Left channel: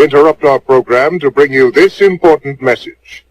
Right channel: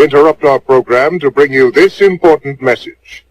We interrupt our program to bring you this important message.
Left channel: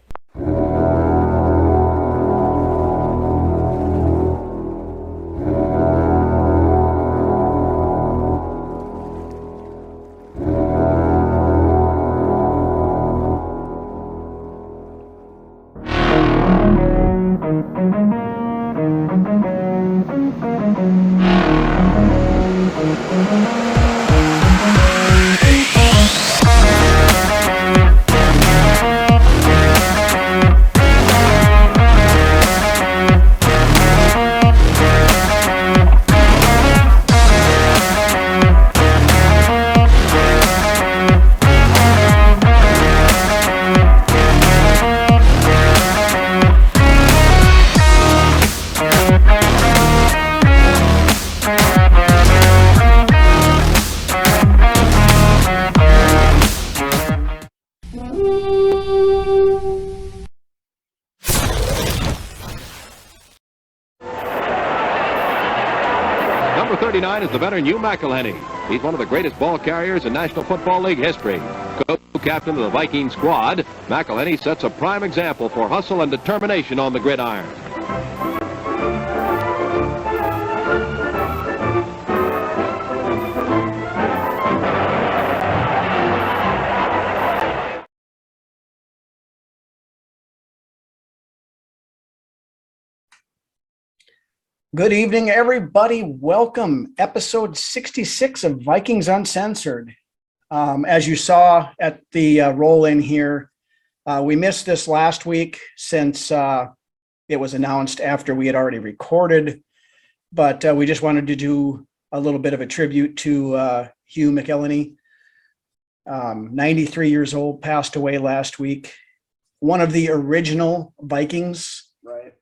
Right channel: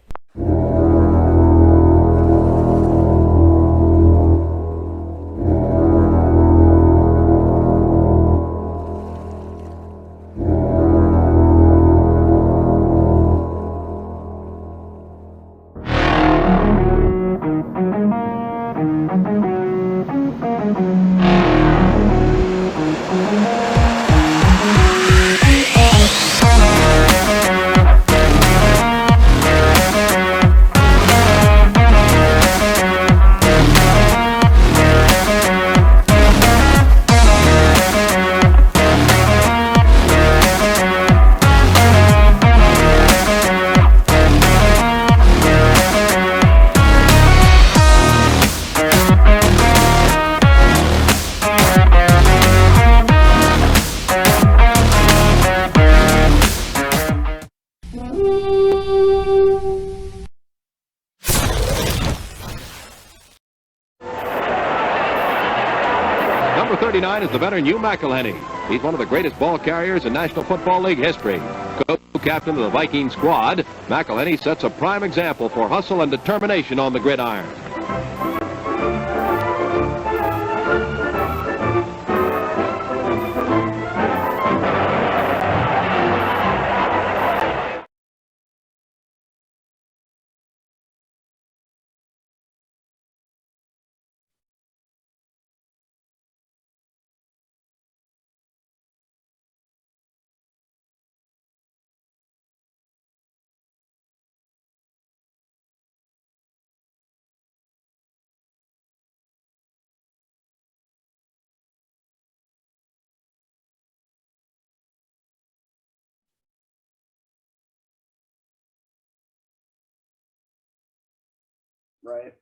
Number 39 is the veteran Hugh McElhenny. He's one of the greatest ball carriers in National Football League history. Co-captain of the Viking squad, McElhenny sets a prime example for hustle and determination on the gridiron. Good evening, everybody. Welcome, episode 66 of Vikings Uncensored. As you saw at the roll-in here, we missed this last week since it was announced after we had already recorded, but we just wanted to do a little bit of a tribute to Hugh McElhenny. 93 years old, passed away last week. One of the original Vikings. Right.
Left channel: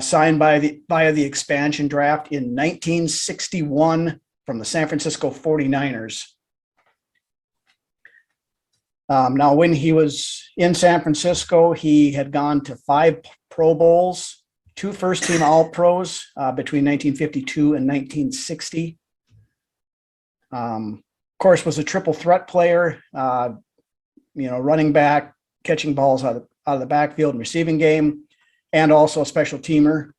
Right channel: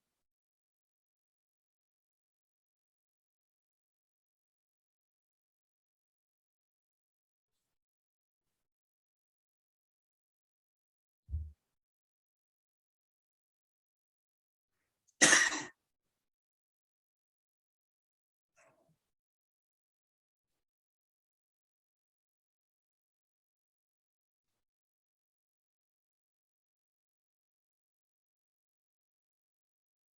Signed via the expansion draft in 1961 from the San Francisco 49ers. Now, when he was in San Francisco, he had gone to 5 Pro Bowls, 2 first-team All-Pros between 1952 and 1960. Of course, was a triple threat player, running back, catching balls out of the backfield and receiving game, and also a special teamer.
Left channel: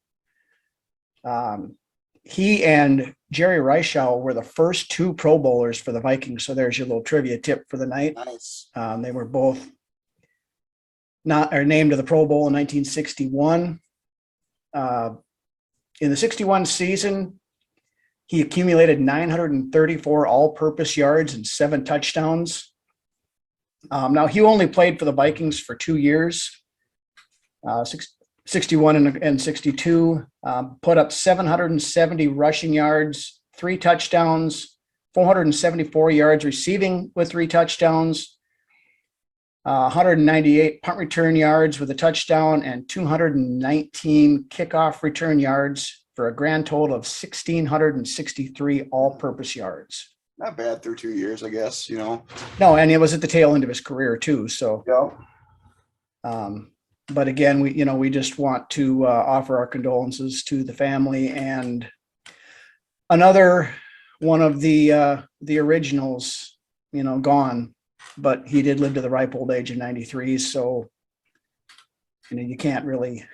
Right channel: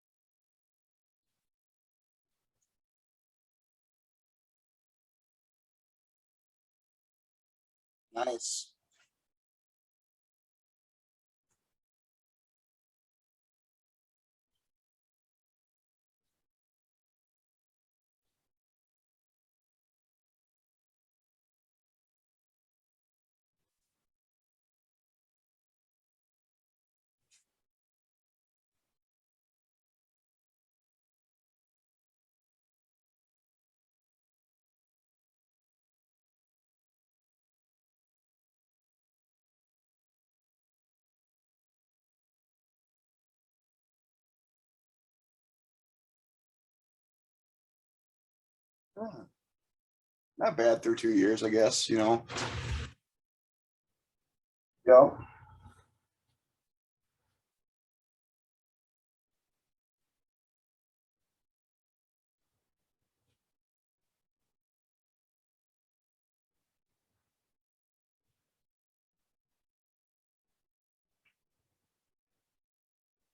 He and Jerry Reichow were the first 2 Pro Bowlers for the Vikings. So there's your little trivia tip for the night. Nice. They were both named to the Pro Bowl in 1961. In the 61 season, he accumulated 934 all-purpose yards and 7 touchdowns. Now, Hugh only played for the Vikings for 2 years. 61 and 62, put up 770 rushing yards, 3 touchdowns, 474 yards receiving with 3 touchdowns, 198 punt return yards with a touchdown, and 219 kickoff return yards for a grand total of 1,663 all-purpose yards. Not bad through 2 years, I guess, No, and it was at the tail end of his career too. So, yeah. But again, we just want to offer our condolences to the family and another one of the originals, gone, but he did live to the ripe old age of 93. So, you can't really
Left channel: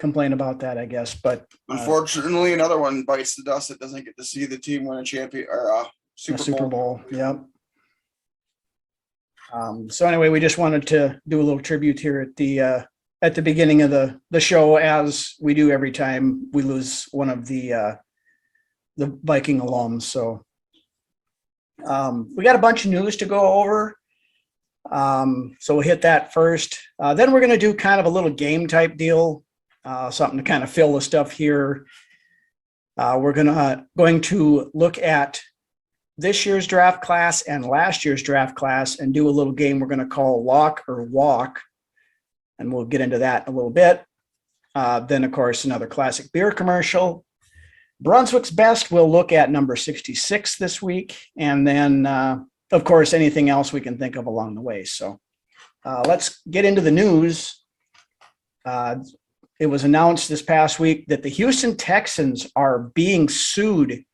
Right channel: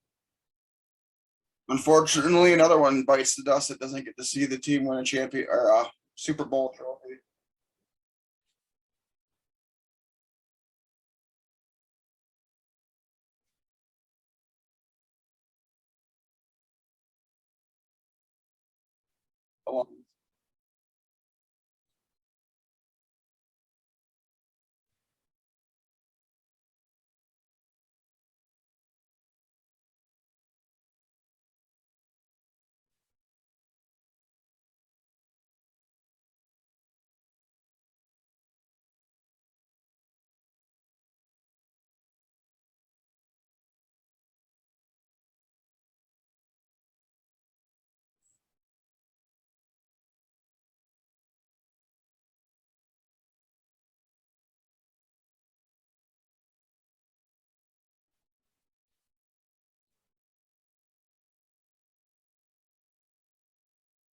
complain about that, I guess. But unfortunately, another one bites the dust that doesn't get to see the team win a champion or a Super Bowl. Yep. So anyway, we just wanted to do a little tribute here at the beginning of the show, as we do every time we lose one of the Viking alums. So we got a bunch of news to go over. So we'll hit that first. Then we're going to do kind of a little game type deal, something to kind of fill the stuff here. We're going to look at this year's draft class and last year's draft class and do a little game we're going to call Lock or Walk. And we'll get into that in a little bit. Then, of course, another classic beer commercial. Brunswick's Best, we'll look at number 66 this week. And then, of course, anything else we can think of along the way. So let's get into the news. It was announced this past week that the Houston Texans are being sued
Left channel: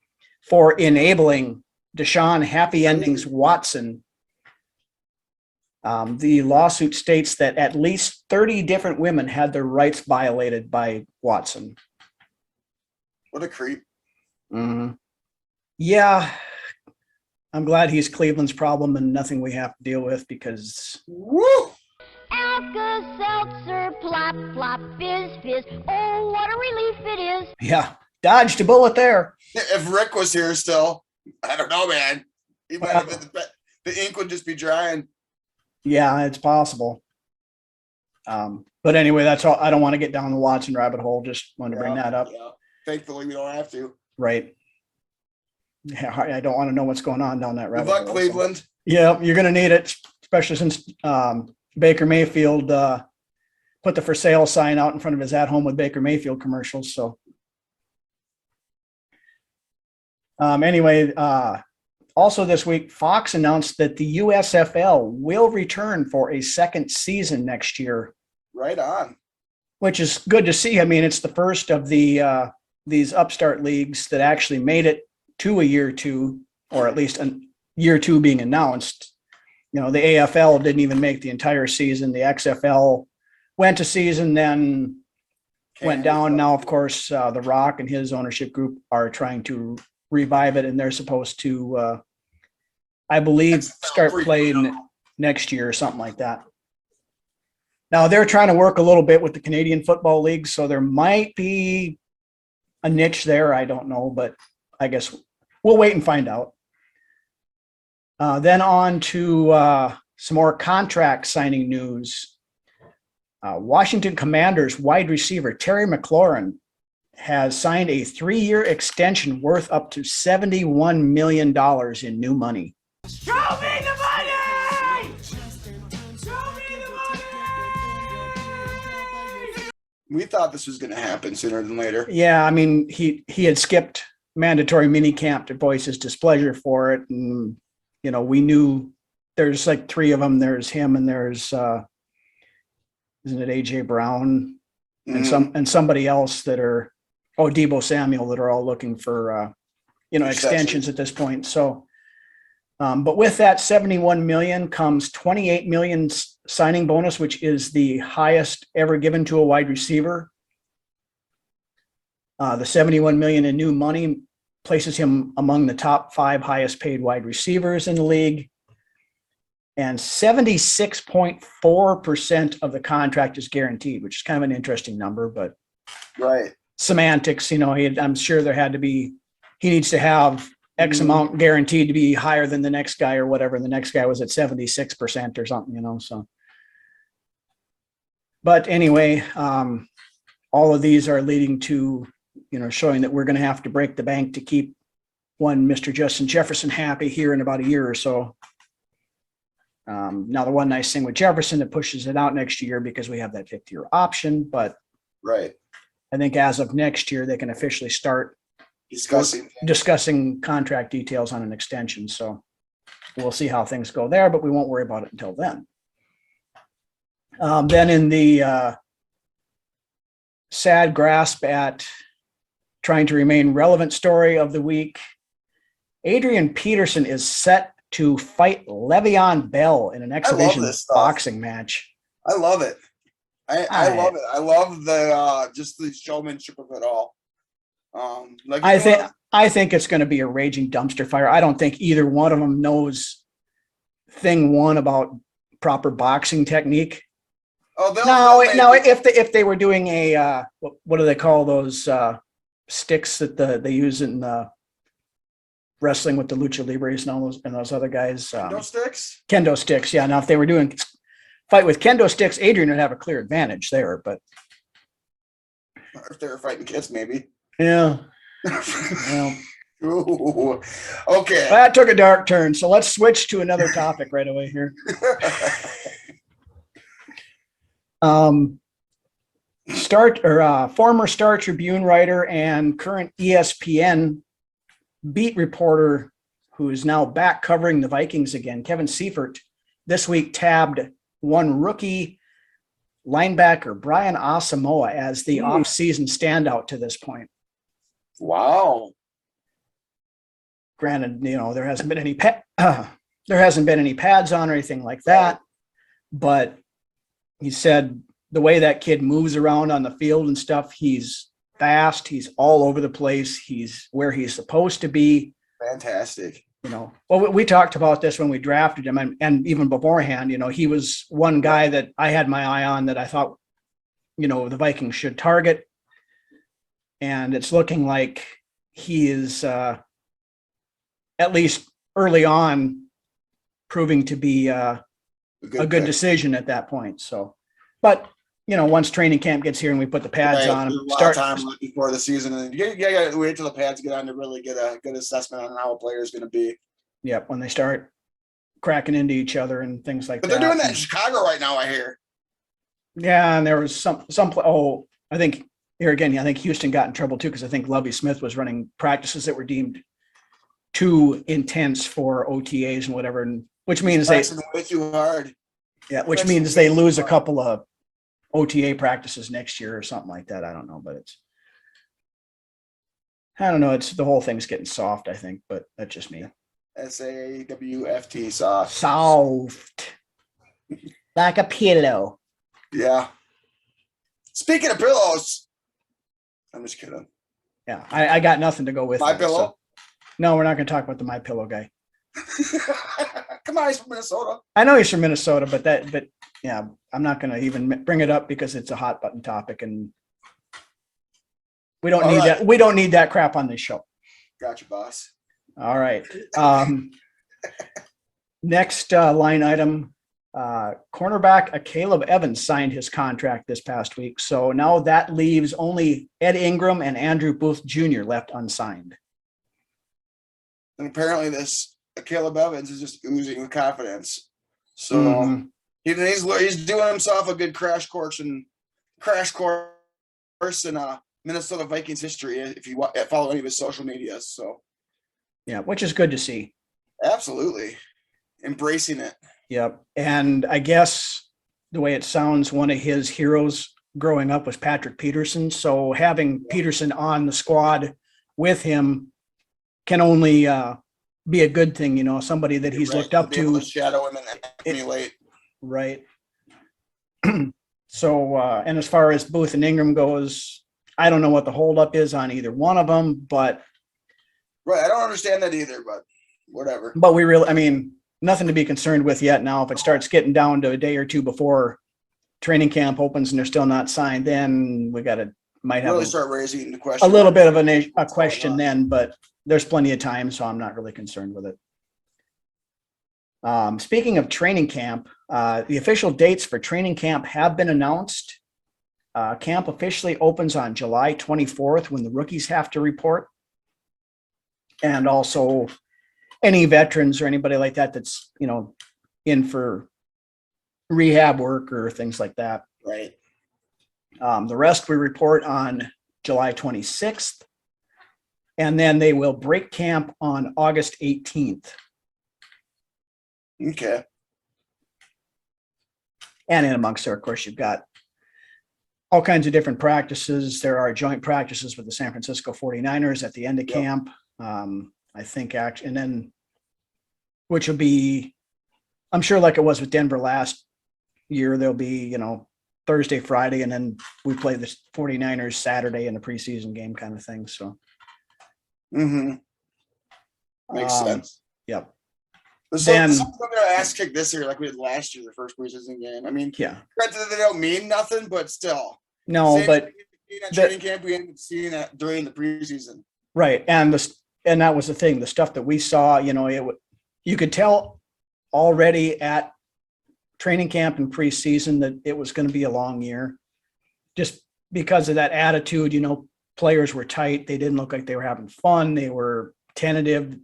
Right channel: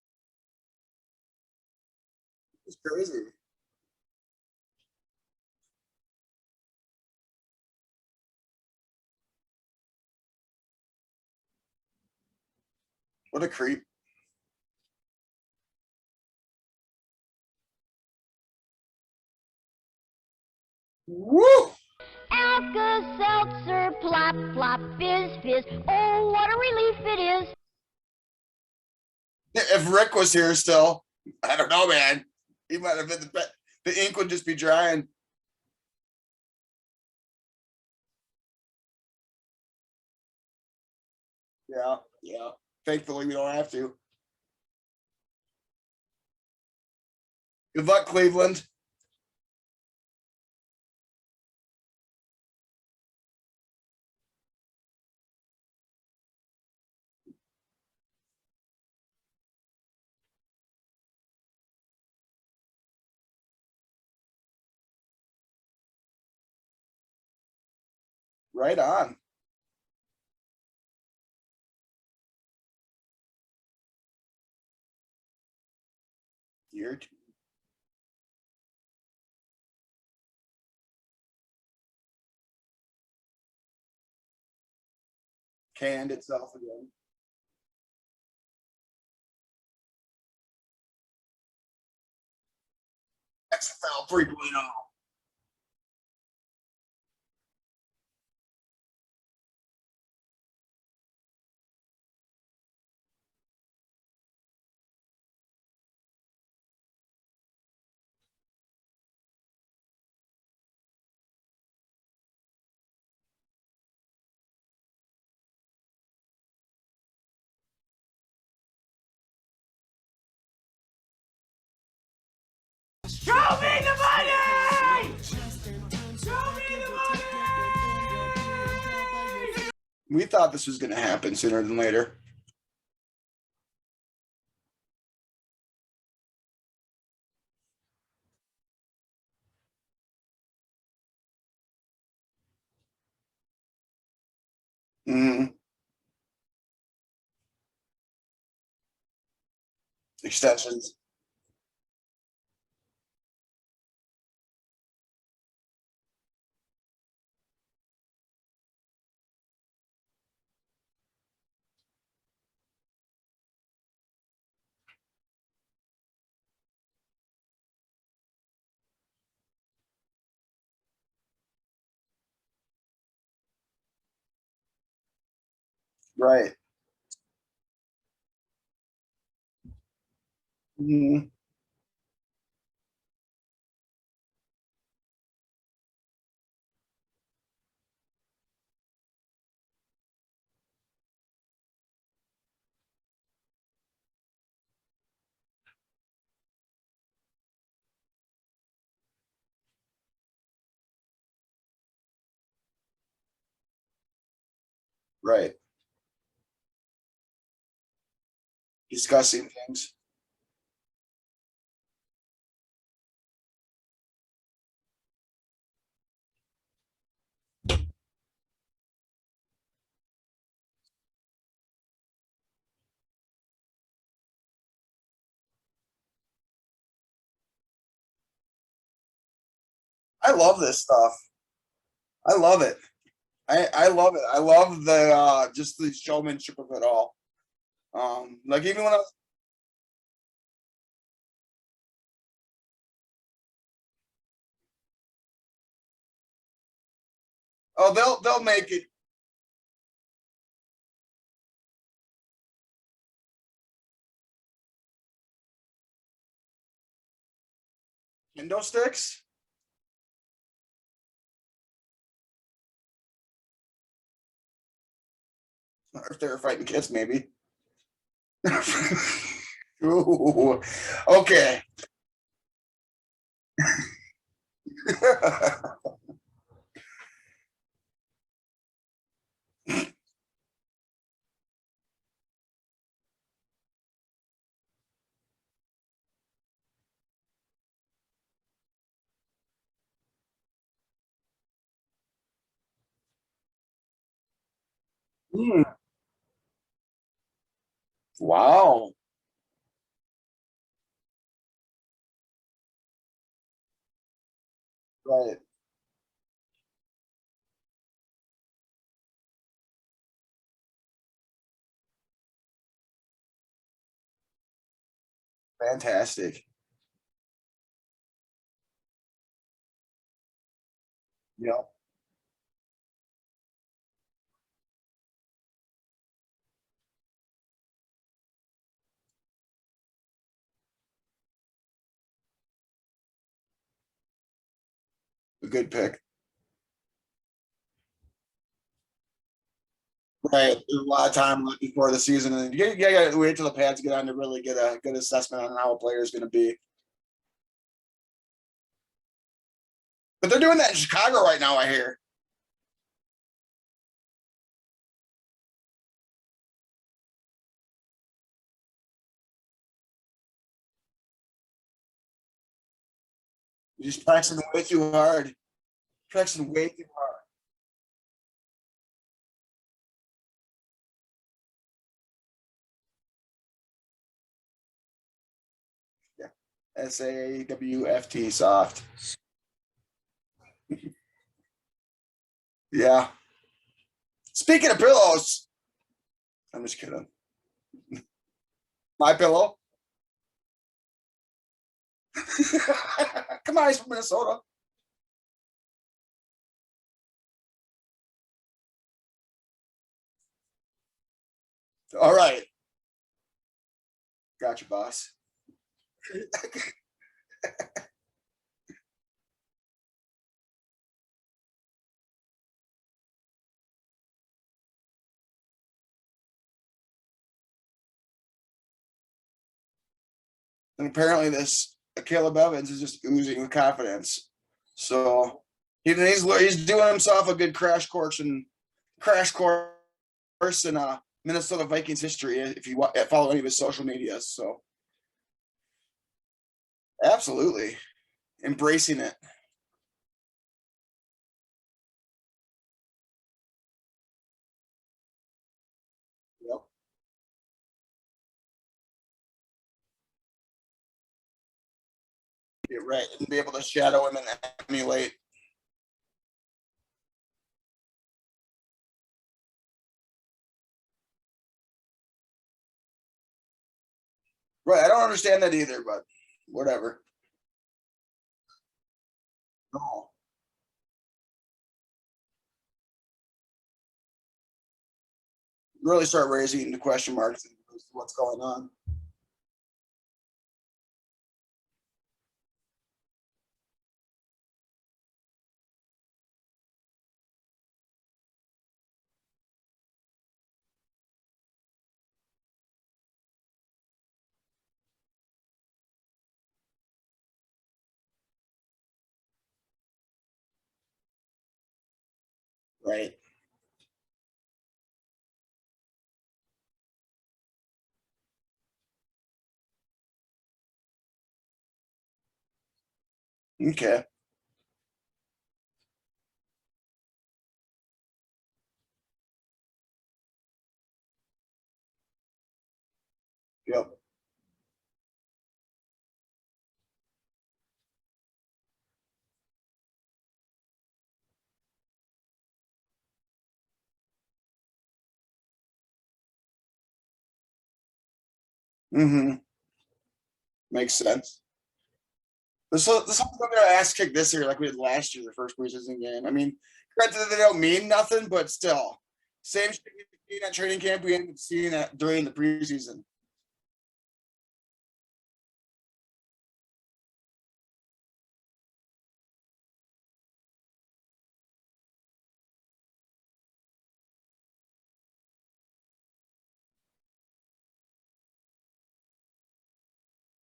for enabling Deshaun Happy Endings Watson The lawsuit states that at least 30 different women had their rights violated by Watson. What a creep. Mm-hmm. Yeah, I'm glad he's Cleveland's problem and nothing we have to deal with because. Woo! Alka-Seltzer, plop, plop, fizz, fizz. Oh, what a relief it is. Yeah, dodged a bullet there. If Rick was here still, I don't know, man. He might have been the ink would just be drying. Yeah, it's possible. But anyway, that's all. I don't want to get down the Watson rabbit hole. Just wanted to bring that up. Yeah. Thankfully, we don't have to. Right. Yeah, I don't want to know what's going on down that rabbit Good luck, hole. Cleveland. Yeah, you're going to need it, especially since Baker Mayfield put the for sale sign out in front of his At Home with Baker Mayfield commercials. So anyway, also this week, Fox announced that the USFL will return for a second season next year. Right on. Which is good to see. I mean, it's the first of the these upstart leagues that actually made it to a year two, or at least a year two being announced. You know, the AFL didn't even make the entire season. The XFL went to season, then went down. Now, of course, The Rock and his ownership group are trying to revive it, and they're supposed to, I believe, start playing next year or something like that. Now, they're trying to work a little bit with the Canadian Football League, so there might be a niche there. I don't know, but I guess we'll wait and find out. Then on to some more contract signing news. Washington Commanders wide receiver Terry McLaurin has signed a 3-year extension worth up to $71 million in new money. Show me the money! Show me the money! We thought this was going to happen sooner than later. Yeah, I mean, he had skipped mandatory mini camp to voice his displeasure for it, and you know, we knew there's like 3 of them. There's him, and there's isn't it AJ Brown and somebody else that are Debo Samuel that are all looking for extensions at this point. So, but with that 71 million comes 28 million signing bonus, which is the highest ever given to a wide receiver. The 71 million in new money places him among the top 5 highest paid wide receivers in the league. And 76.4% of the contract is guaranteed, which is kind of an interesting number, but right. Semantics, you know, I'm sure there had to be, he needs to have X amount guaranteed to be higher than the next guy or whatever. And the next guy was at 76% or something, you know, so. But anyway, all of these are leading to, you know, showing that we're going to have to break the bank to keep one Mr. Justin Jefferson happy here in about a year or so. Now, the one nice thing with Jefferson, it pushes it out next year because we have that 5th-year option. But right, I think as of next year, they can officially start discussing contract details on an extension. So we'll see how things go there, but we won't worry about it until then. Then in the sad grasp at trying to remain relevant story of the week, Adrian Peterson is set to fight Le'Veon Bell in an exhibition boxing match. I love it. I love it. I love the just the showmanship of it all. I think it's going to be a raging dumpster fire. I don't think either one of them knows thing one about proper boxing technique. Oh, if they were doing a what do they call those sticks that they use in wrestling with the lucha libres and those other guys? Kendo sticks. Yeah. Now, if they were doing fight with kendo sticks, Adrian would have a clear advantage there. But if they were fighting kids, maybe. Yeah. Yeah. Ooh, okay. That took a dark turn. So let's switch to another topic right away here. Former Star Tribune writer and current ESPN beat reporter who is now back covering the Vikings again, Kevin Seifert, this week tabbed one rookie linebacker, Brian Asamoah, as the off-season standout to this point. Wow. Granted, you know, there hasn't been any pads on or anything like that. but he said the way that kid moves around on the field and stuff, he's fast, he's all over the place, he's where he's supposed to be. Fantastic. Well, we talked about this when we drafted him, and even beforehand, he was one guy that I had my eye on that I thought, the Vikings should target. And it's looking like he is, at least early on, proving to be a good decision at that point. So, but once training camp gets here and we put the pads on him, a lot of time before the season, and you got to wait till the pads get on to really get a good assessment on how a player is going to be. Yep, when they start cracking into each other and things like that. But they're doing that in Chicago right now, I hear. Yeah, and there was some. I think here again, I think Houston got in trouble too because I think Lovie Smith was running practices that were deemed too intense for OTAs and whatever, and which means way too hard. Yeah, which means they lose a couple of OTA practices next year or something like that. I don't know, but I don't know. It's the whole thing's getting soft, I think, but that's just me. SAWFT, soft. Soft. Like a pillow. Yeah. Speaking of pillows, I'm just kidding. Yeah, I got nothing to go with. My pillow? So. No, we're not going to talk about the My Pillow guy. Come on, he's from Minnesota. I know he's from Minnesota, but yeah, I'm not going to even bring it up because it's a hot button topic, and we don't need that. We don't need that crap on this show. Gotcha, boss. All right. Next line item, cornerback Caleb Evans signed his contract this past week. So now that leaves only Ed Ingram and Andrew Booth Jr. left unsigned. And apparently this Caleb Evans is just oozing with confidence. So he's doing himself a good crash course in Minnesota Vikings history if you follow any of his social media. So yeah, which is good to see. Absolutely. Embracing it. Yep. And I guess the way it sounds, one of his heroes growing up was Patrick Peterson. So having Peterson on the squad with him can only be a good thing, somebody that he's looked up to. Able to shadow him and emulate. Right. So, and as far as Booth and Ingram goes, I don't know what the holdup is on either one of them, but. Right. I don't understand that either, but whatever. But nothing to be concerned with yet. Now, if it starts getting down to a day or two before training camp opens and they're still not signed, then we might have really start raising the question. A little bit of a question then, but there's plenty of time, so I'm not really concerned with it. Speaking of training camp, the official dates for training camp have been announced. Camp officially opens on July 24th when the rookies have to report. And also any veterans or anybody like that that's, in for rehab work or things like that. Right. The rest we report on July 26th. And then they will break camp on August 18th. Okay. And in amongst there, of course, you've got all kinds of different practices. There are joint practices with the San Francisco 49ers at the end of camp. I think and then, which will be, I'm sure like it was with Denver last year, there'll be, Thursday, Friday, and then we play the 49ers Saturday in the preseason game kind of thing. So. Makes sense. Yep. So I'm going to ask kick this year like we did last year, the first preseason game. Yeah. Granted, they don't mean nothing, but still. No, but training camp, we ended up seeing that during the preseason. Right. And that was the thing, the stuff that we saw, you could tell already at training camp and preseason that it was going to be a long year just because of that attitude. Players were tight. They didn't look like they were having fun. They were tentative.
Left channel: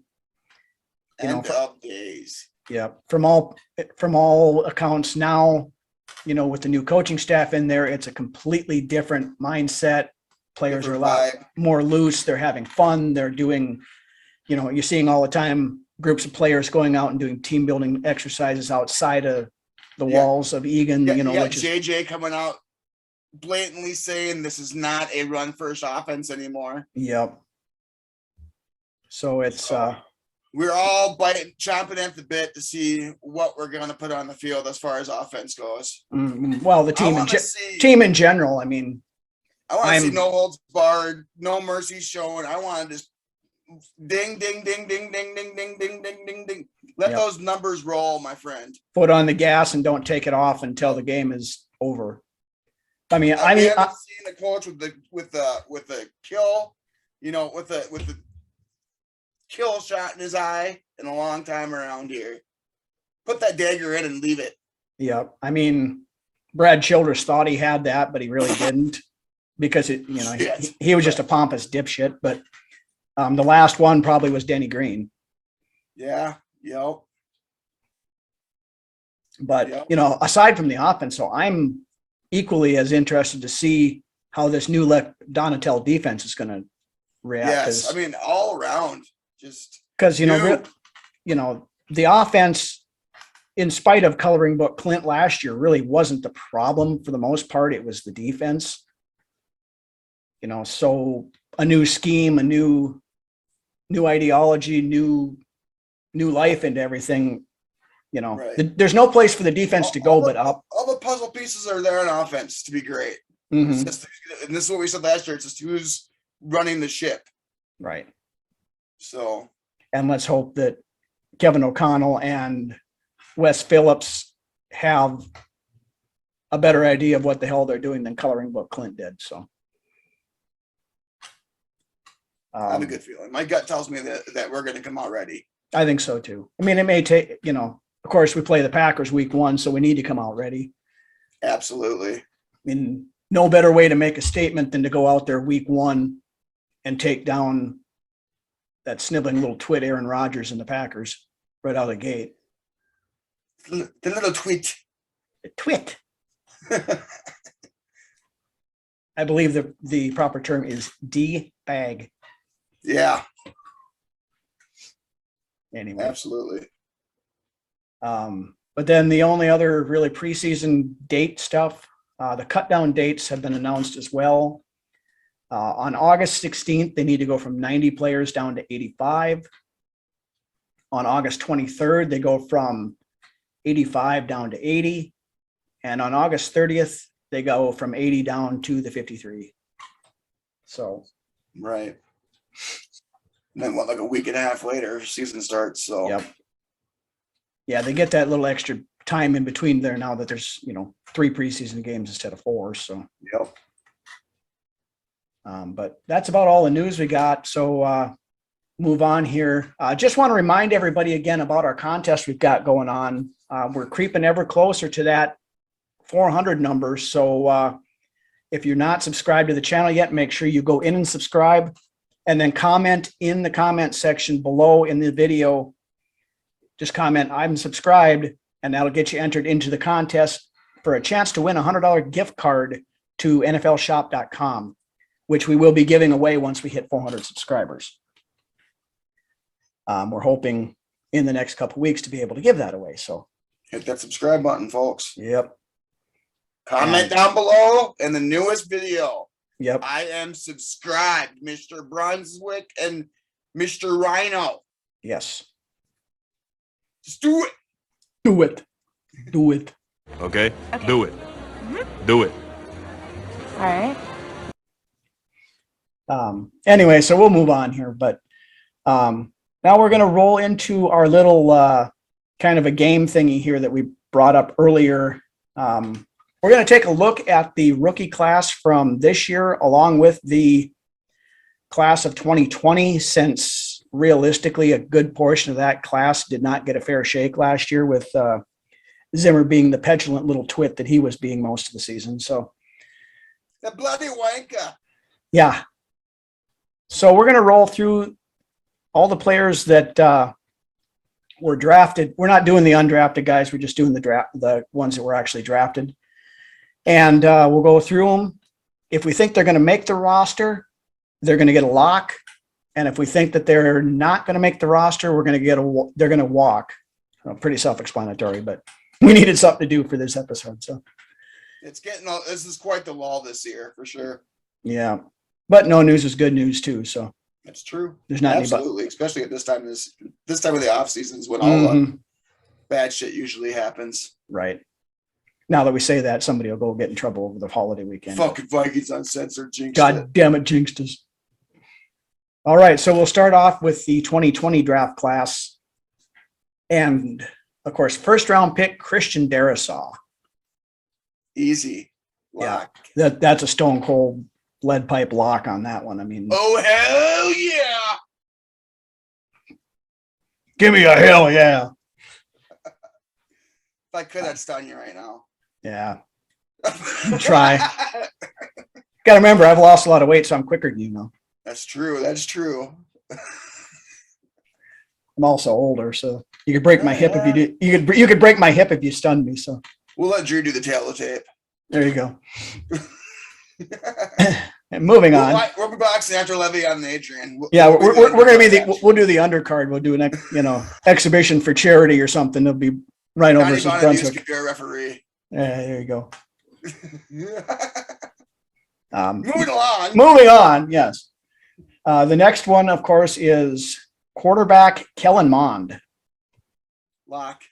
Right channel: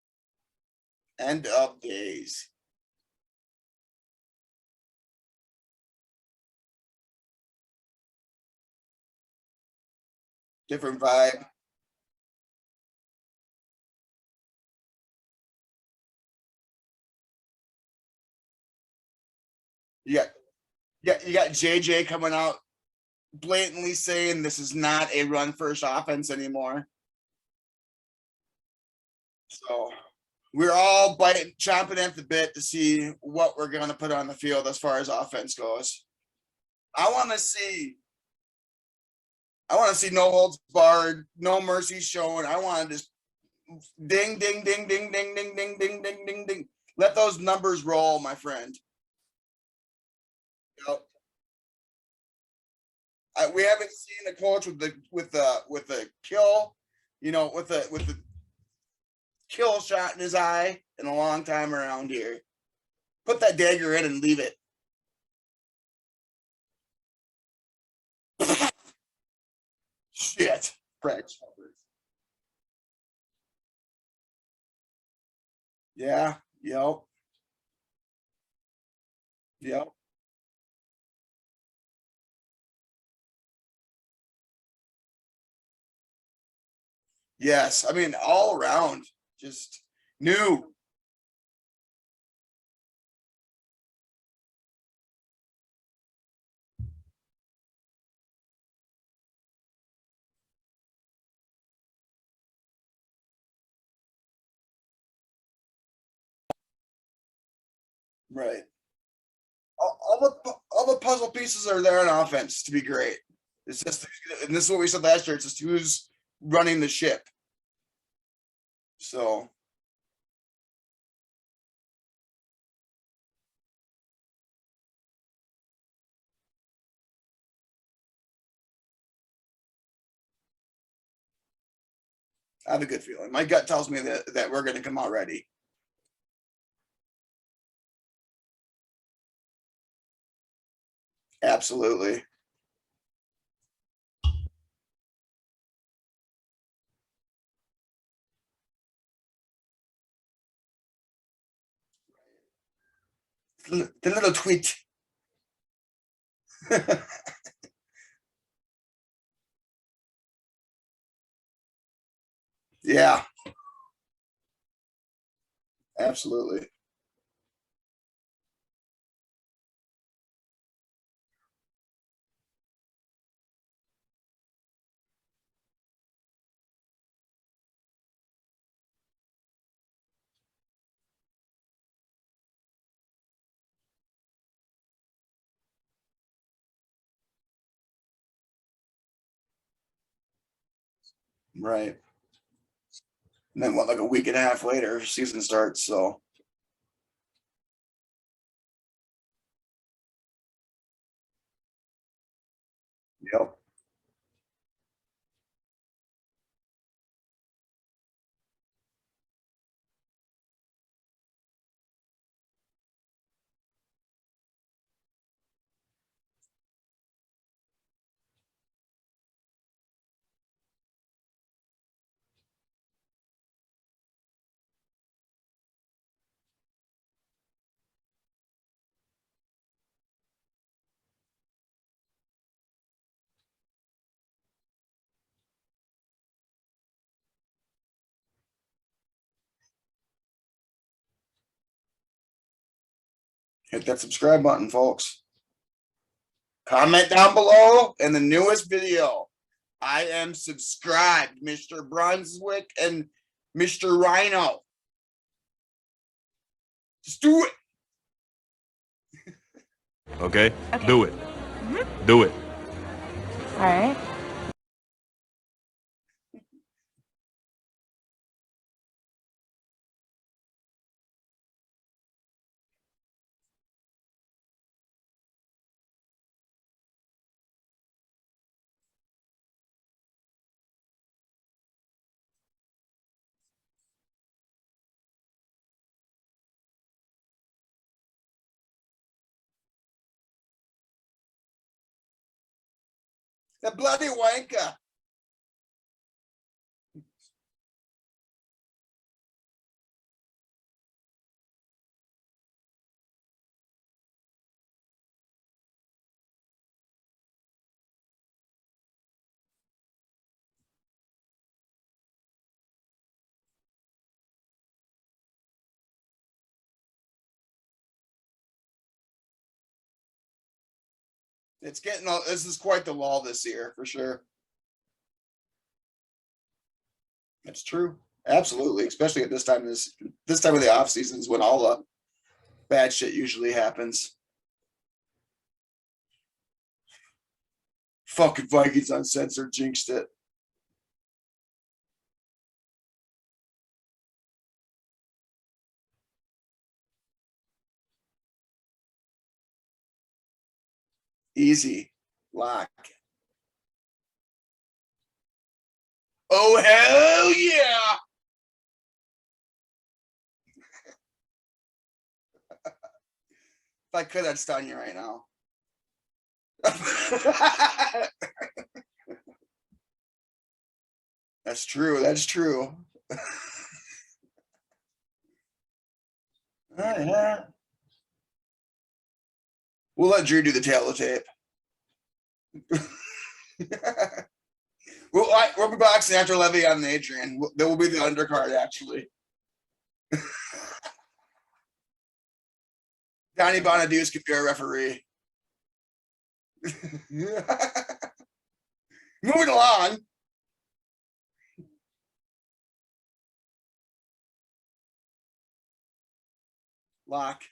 End of days. Yeah. From all accounts now, with the new coaching staff in there, it's a completely different mindset. Players are a lot more loose. They're having fun. They're doing, you're seeing all the time groups of players going out and doing team building exercises outside of the walls of Egan. You got JJ coming out blatantly saying this is not a run first offense anymore. Yep. So it's we're all chomping at the bit to see what we're going to put on the field as far as offense goes. Well, the team in general. I mean, I want to see no holds barred, no mercy shown. I want to just ding, ding, ding, ding, ding, ding, ding, ding, ding, ding, ding. Let those numbers roll, my friend. Foot on the gas and don't take it off until the game is over. I mean, we haven't seen a coach with the kill, with the kill shot in his eye in a long time around here. Put that dagger in and leave it. Yeah, I mean, Brad Childress thought he had that, but he really didn't, because he was just a pompous dipshit. But the last one probably was Denny Green. Yeah. Yep. But aside from the offense, so I'm equally as interested to see how this new Donatel defense is going to react. Yes, I mean all around, just because the offense, in spite of coloring book Clint last year, really wasn't the problem for the most part. It was the defense. So a new scheme, a new ideology, new life into everything. There's no place for the defense to go but up. All the puzzle pieces are there on offense to be great. Mm-hmm. It's just, and this is what we said last year. It's just who's running the ship. Right. So, and let's hope that Kevin O'Connell and Wes Phillips have a better idea of what the hell they're doing than coloring book Clint did. So I have a good feeling. My gut tells me that we're going to come out ready. I think so too. I mean, it may take, of course we play the Packers week 1, so we need to come out ready. Absolutely. I mean, no better way to make a statement than to go out there week 1 and take down that sniveling little twit Aaron Rodgers and the Packers right out of the gate. The little twit. The twit. I believe the proper term is D-bag. Yeah. Anyway. Absolutely. But then the only other really preseason date stuff, the cut down dates have been announced as well. On August 16th, they need to go from 90 players down to 85. On August 23rd, they go from 85 down to 80. And on August 30th, they go from 80 down to the 53. So. Right. And then like a week and a half later, season starts. So. Yep. Yeah, they get that little extra time in between there now that there's 3 preseason games instead of 4. So. Yep. But that's about all the news we got. So move on here. Just want to remind everybody again about our contest we've got going on. We're creeping ever closer to that 400 number. So if you're not subscribed to the channel yet, make sure you go in and subscribe, and then comment in the comment section below in the video. Just comment, I'm subscribed, and that'll get you entered into the contest for a chance to win a $100 gift card to NFLshop.com, which we will be giving away once we hit 400 subscribers. We're hoping in the next couple of weeks to be able to give that away. So hit that subscribe button, folks. Yep. Comment down below in the newest video. Yep. I am subscribed, Mr. Brunswick and Mr. Rhino. Yes. Just do it. Do it. Do it. Okay? Do it. Do it. All right. Anyway, so we'll move on here, but now we're going to roll into our little kind of a game thingy here that we brought up earlier. We're going to take a look at the rookie class from this year, along with the class of 2020, since realistically a good portion of that class did not get a fair shake last year, with Zimmer being the petulant little twit that he was being most of the season. So the bloody wanker. Yeah. So we're going to roll through all the players that were drafted. We're not doing the undrafted guys. We're just doing the ones that were actually drafted. And we'll go through them. If we think they're going to make the roster, they're going to get a lock. And if we think that they're not going to make the roster, they're going to walk. Pretty self-explanatory, but we needed something to do for this episode. So this is quite the lull this year for sure. Yeah. But no news is good news too. So That's true. There's not absolutely, especially at this time of the off season is when all the bad shit usually happens. Right. Now that we say that, somebody will go get in trouble over the holiday weekend. Fucking Vikings Uncensored jinxed God it. damn it, jinxed us. All right, so we'll start off with the 2020 draft class. And, of course, first-round pick, Christian Darrisaw. Easy. Lock. Yeah, that's a stone cold lead pipe lock on that one. I mean, oh, hell yeah. Give me a hell yeah. If I could, I'd stun you right now. Yeah. Try. Got to remember, I've lost a lot of weight, so I'm quicker than you know. That's true. That's true. I'm also older, so you could break my hip if you do. You could break my hip if you stunned me. So we'll let Drew do the tape. There you go. And moving on. We'll be boxing after Levy and Adrian. We're gonna be we'll do the undercard. We'll do an exhibition for charity or something. It'll be right over. Johnny Bonaduce could be our referee. Yeah, there you go. Moving on. Yes. The next one, of course, is quarterback Kellen Mond. Lock.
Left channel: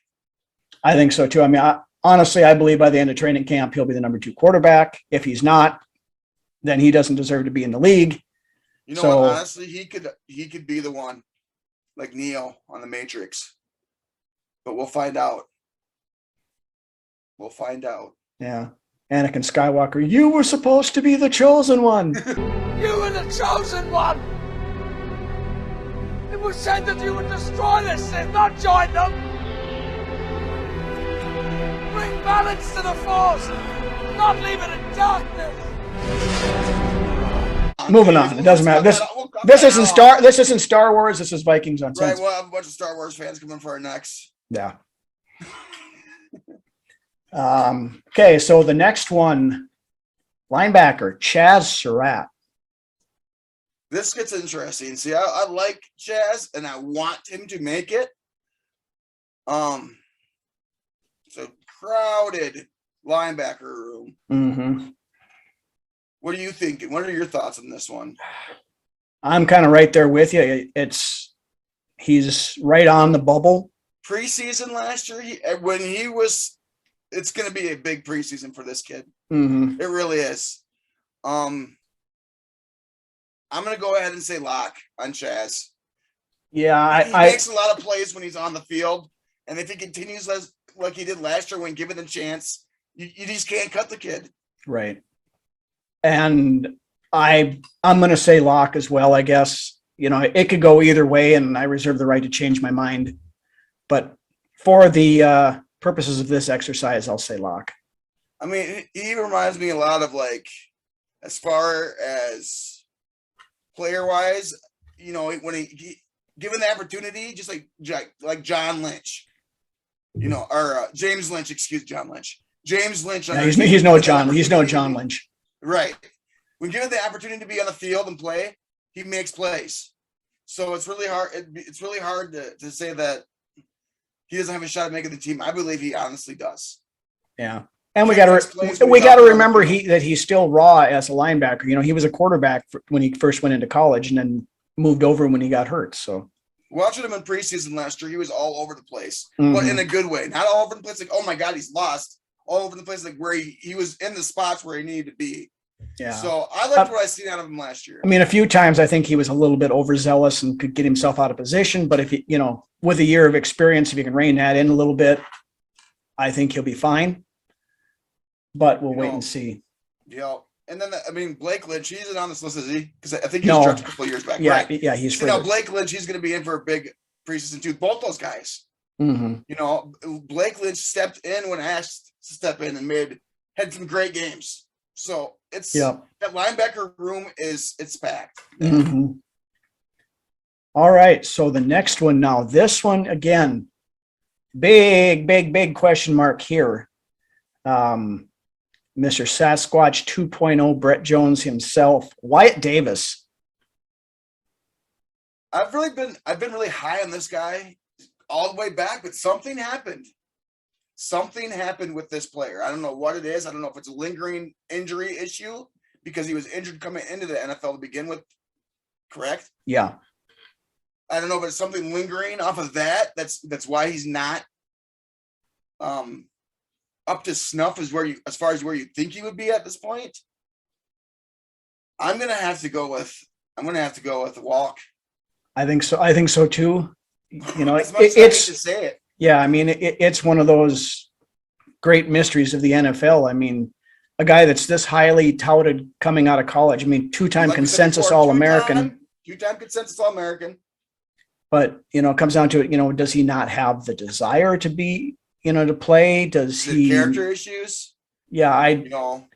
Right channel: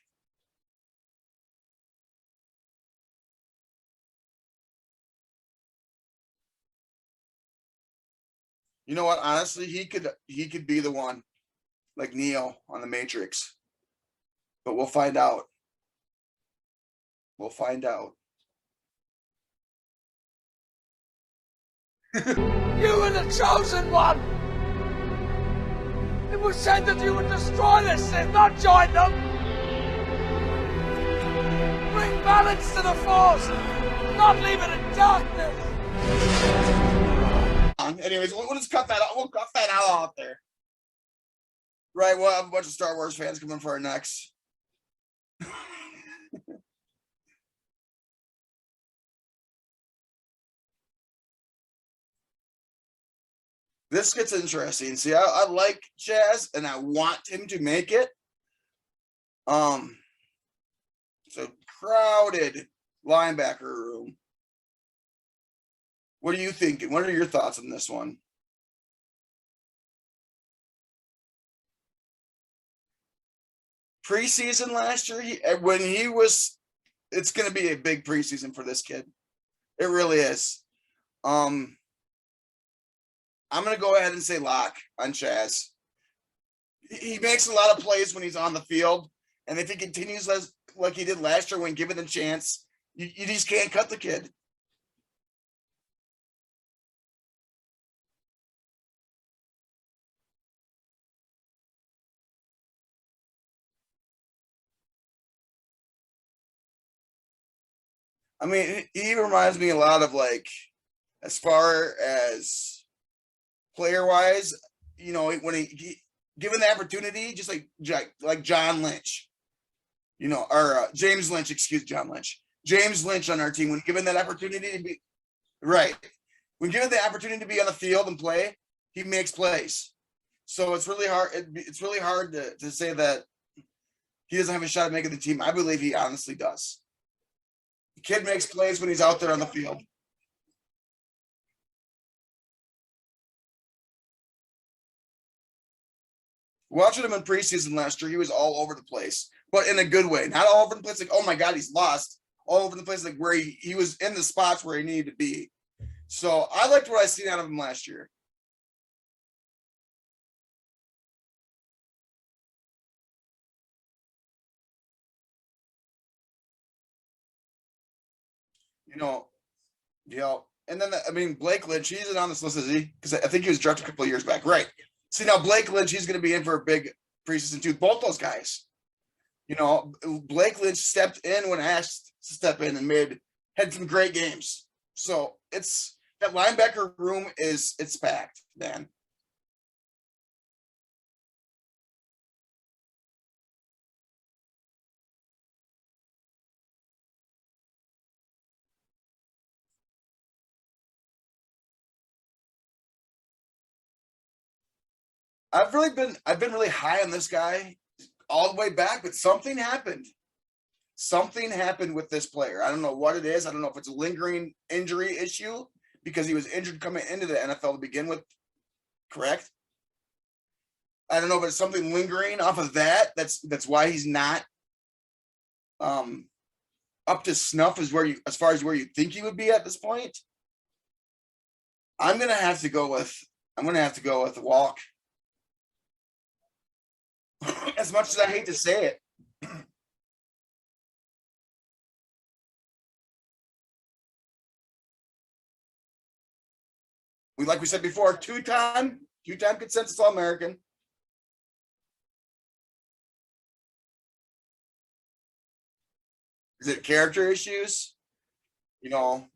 I think so too. I mean, honestly, I believe by the end of training camp, he'll be the number 2 quarterback. If he's not, then he doesn't deserve to be in the league. You know what? Honestly, he could be the one, like Neo on the Matrix. But we'll find out. Yeah. Anakin Skywalker, you were supposed to be the chosen one. You were the chosen one! It was said that you would destroy this and not join them! Bring balance to the Force, not leave it in darkness! Moving on. It doesn't matter. This isn't Star Wars, this is Vikings Uncensored. Right, we'll have a bunch of Star Wars fans coming for our necks. Yeah. Okay, so the next one, linebacker Chaz Surratt. This gets interesting. See, I like Chaz, and I want him to make it. It's a crowded linebacker room. Mm-hmm. What are you thinking? What are your thoughts on this one? I'm kind of right there with you. He's right on the bubble. Preseason last year, it's going to be a big preseason for this kid. Mm-hmm. It really is. I'm going to go ahead and say lock on Chaz. Yeah, he makes a lot of plays when he's on the field, and if he continues like he did last year when given the chance, you just can't cut the kid. Right. And I'm going to say lock as well, I guess. It could go either way, and I reserve the right to change my mind. But for the purposes of this exercise, I'll say lock. I mean, he reminds me a lot of, like, as far as player-wise, when he given the opportunity, just like John Lynch, or James Lynch, John Lynch. James Lynch. Yeah, he's no John Lynch. Right. When given the opportunity to be on the field and play, he makes plays. So it's really hard. It's really hard to say that he doesn't have a shot at making the team. I believe he honestly does. Yeah. And we got to remember that he's still raw as a linebacker. He was a quarterback when he first went into college and then moved over when he got hurt. So watching him in preseason last year, he was all over the place, mm-hmm. but in a good way. Not all over the place like, oh my God, he's lost. All over the place, like where he was in the spots where he needed to be. Yeah. So I liked what I seen out of him last year. I mean, a few times I think he was a little bit overzealous and could get himself out of position. But if with a year of experience, if you can rein that in a little bit, I think he'll be fine. But we'll wait and see. Yeah. And then, Blake Lynch, he's not on this list, is he? Because I think he was drafted a couple of years back. Yeah, right. Yeah, he's now Blake Lynch, he's going to be in for a big preseason too. Both those guys. Mm-hmm. Blake Lynch stepped in when asked to step in and had some great games. So it's that linebacker room it's packed. Mm-hmm. All right. So the next one now, this one again, big question mark here. Mr. Sasquatch 2.0, Brett Jones himself, Wyatt Davis. I've been really high on this guy all the way back, but something happened. Something happened with this player. I don't know what it is. I don't know if it's a lingering injury issue because he was injured coming into the NFL to begin with. correct? Yeah. I don't know, but something lingering off of that. That's why he's not up to snuff as far as where you think he would be at this point. I'm gonna have to go with a walk. I think so. I think so too. You know, As much as I hate to say it. yeah, I mean, it's one of those great mysteries of the NFL. I mean, a guy that's this highly touted coming out of college. I mean, two-time Like we said consensus before, All-American. Two-time consensus All-American. But, you know, it comes down to it, you know, does he not have the desire to be, you know, to play? Does Is he it character issues? Yeah, You know,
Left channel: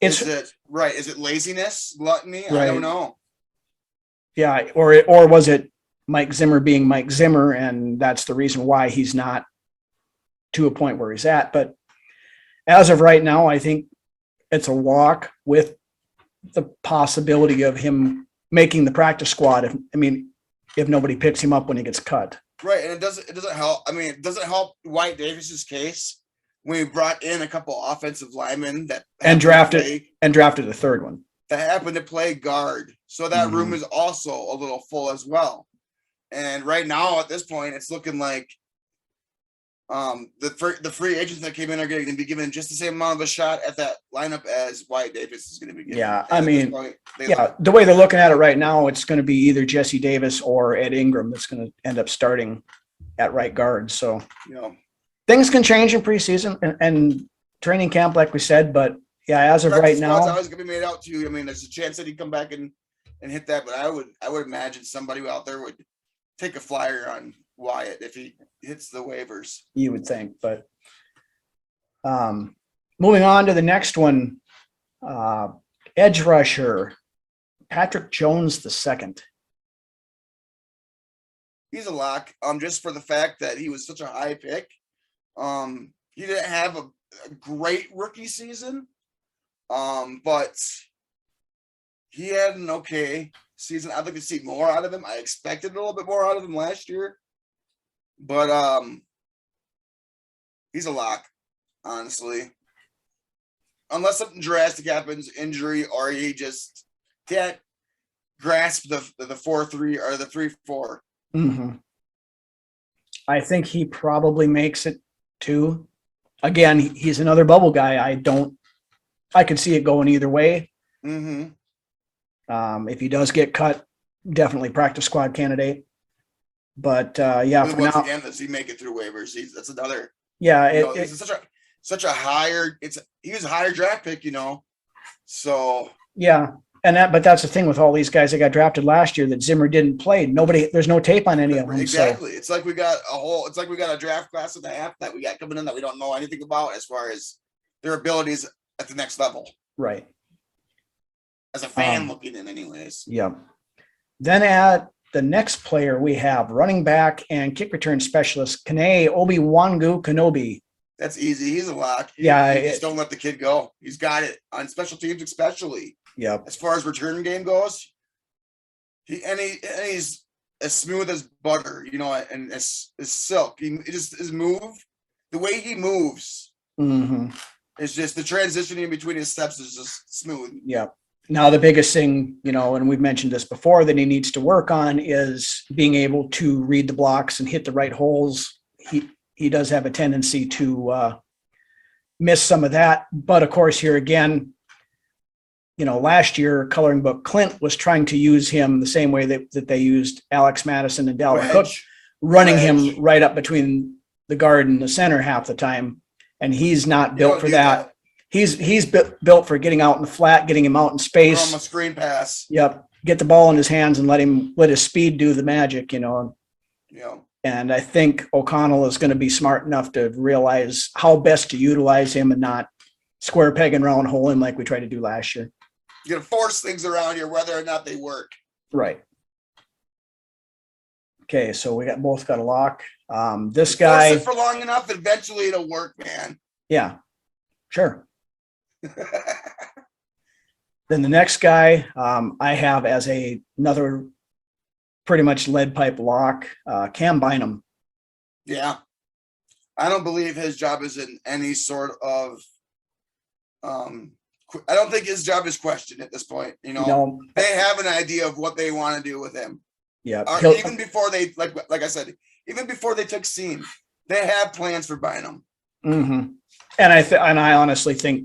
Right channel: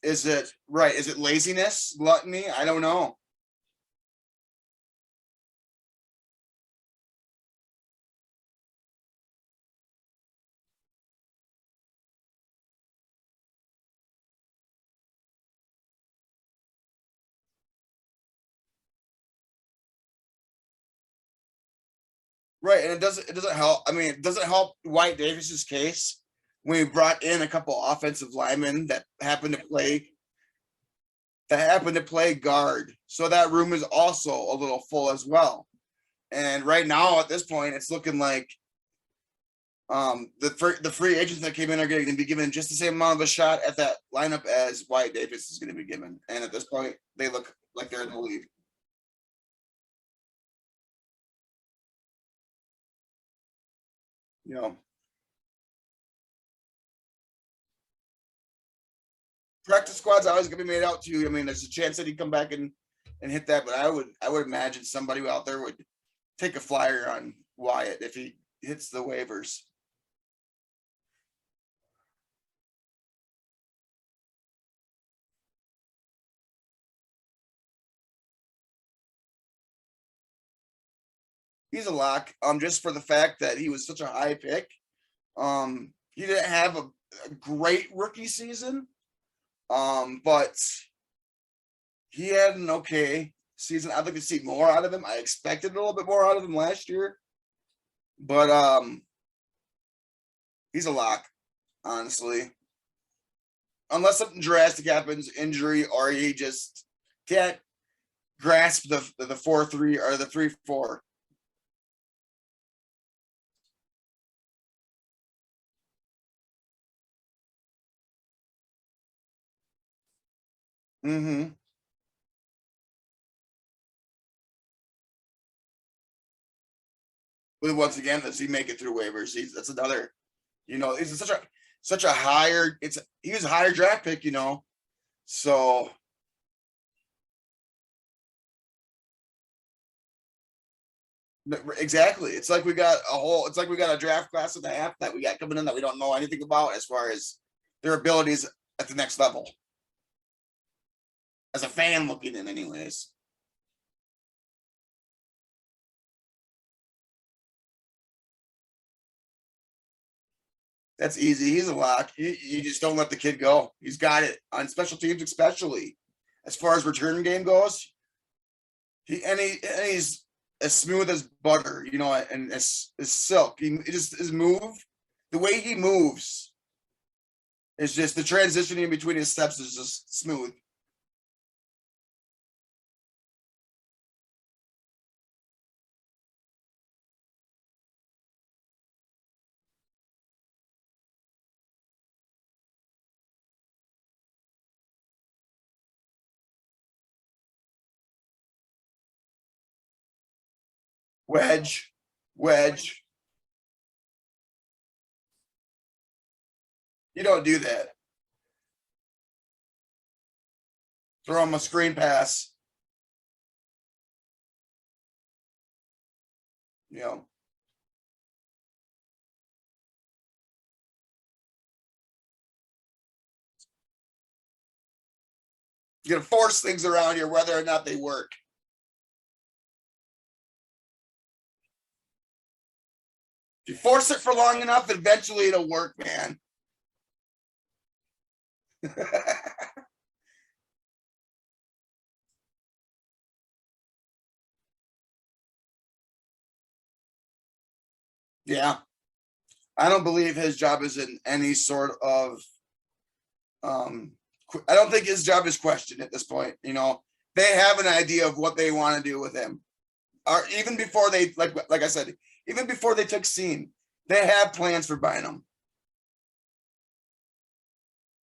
it's is it right? Is it laziness, gluttony? I don't Right. know. yeah, or was it Mike Zimmer being Mike Zimmer, and that's the reason why he's not to a point where he's at. But as of right now, I think it's a walk with the possibility of him making the practice squad. If nobody picks him up when he gets cut. Right, and it doesn't help. I mean, it doesn't help White Davis's case when we brought in a couple offensive linemen that And happened to drafted a third one. that happened to play guard. So that Mhm. room is also a little full as well. And right now, at this point, it's looking like the free agents that came in are going to be given just the same amount of a shot at that lineup as White Davis is going to be given. Yeah, And I at this mean, point, Yeah, the way they're looking at it right now, it's going to be either Jesse Davis or Ed Ingram that's going to end up starting at right guard. So you know, things can change in preseason and training camp, like we said. But yeah, as of right practice squad's now, always going to be made out to you. I mean, there's a chance that he'd come back and hit that, but I would imagine somebody out there would take a flyer on Wyatt if he hits the waivers. you would think. But moving on to the next one, edge rusher Patrick Jones II. He's a lock. Just for the fact that he was such a high pick. He didn't have a great rookie season. But he had an okay season. I'd like to see more out of him. I expected a little bit more out of him last year. But he's a lock, honestly. Unless something drastic happens, injury, or he just can't grasp the 4-3 or the 3-4. Mm-hmm. I think he probably makes it too. Again, he's another bubble guy. I could see it going either way. Mm-hmm. If he does get cut, definitely practice squad candidate. But yeah, But for once now- again, does he make it through waivers? That's another. yeah, You know, he's such a higher. He was a higher draft pick, you know. So yeah, but that's the thing with all these guys that got drafted last year that Zimmer didn't play. There's no tape on any of them. so- exactly, it's like we got a draft class and a half that we got coming in that we don't know anything about as far as their abilities at the next level. Right. As a fan looking in, anyways. Yeah. Then at the next player we have running back and kick return specialist Kene Obi-Wangu Kenobi. That's easy. He's a lock. You just don't let the kid go. He's got it on special teams, especially. Yep. As far as return game goes, he's as smooth as butter, you know, and as silk. His move, the way he moves, Mm-hmm. is just the transitioning between his steps is just smooth. Yep. Now the biggest thing, you know, and we've mentioned this before, that he needs to work on is being able to read the blocks and hit the right holes. He does have a tendency to miss some of that, but of course here again, you know, last year Coloring Book Clint was trying to use him the same way that they used Alex Madison and Dalvin Cook, running him right up between the guard and the center half the time, and he's not built for that. He's built for getting out in the flat, getting him out in space. From a screen pass. Yep. Get the ball in his hands and let his speed do the magic, you know. Yeah. And I think O'Connell is going to be smart enough to realize how best to utilize him and not square peg and round hole him like we tried to do last year. You're gonna force things around here, whether or not they work. Right. Okay, so we both got a lock. This You guy. force it for long enough, eventually it'll work, man. Yeah, sure. Then the next guy I have as another pretty much lead pipe lock, Cam Bynum. Yeah. I don't believe his job is in any sort of I don't think his job is questioned at this point. You know, they have an idea of what they want to do with him. Yeah. Even before they, like I said, even before they took Scene, they have plans for Bynum. Mm-hmm. And I honestly think,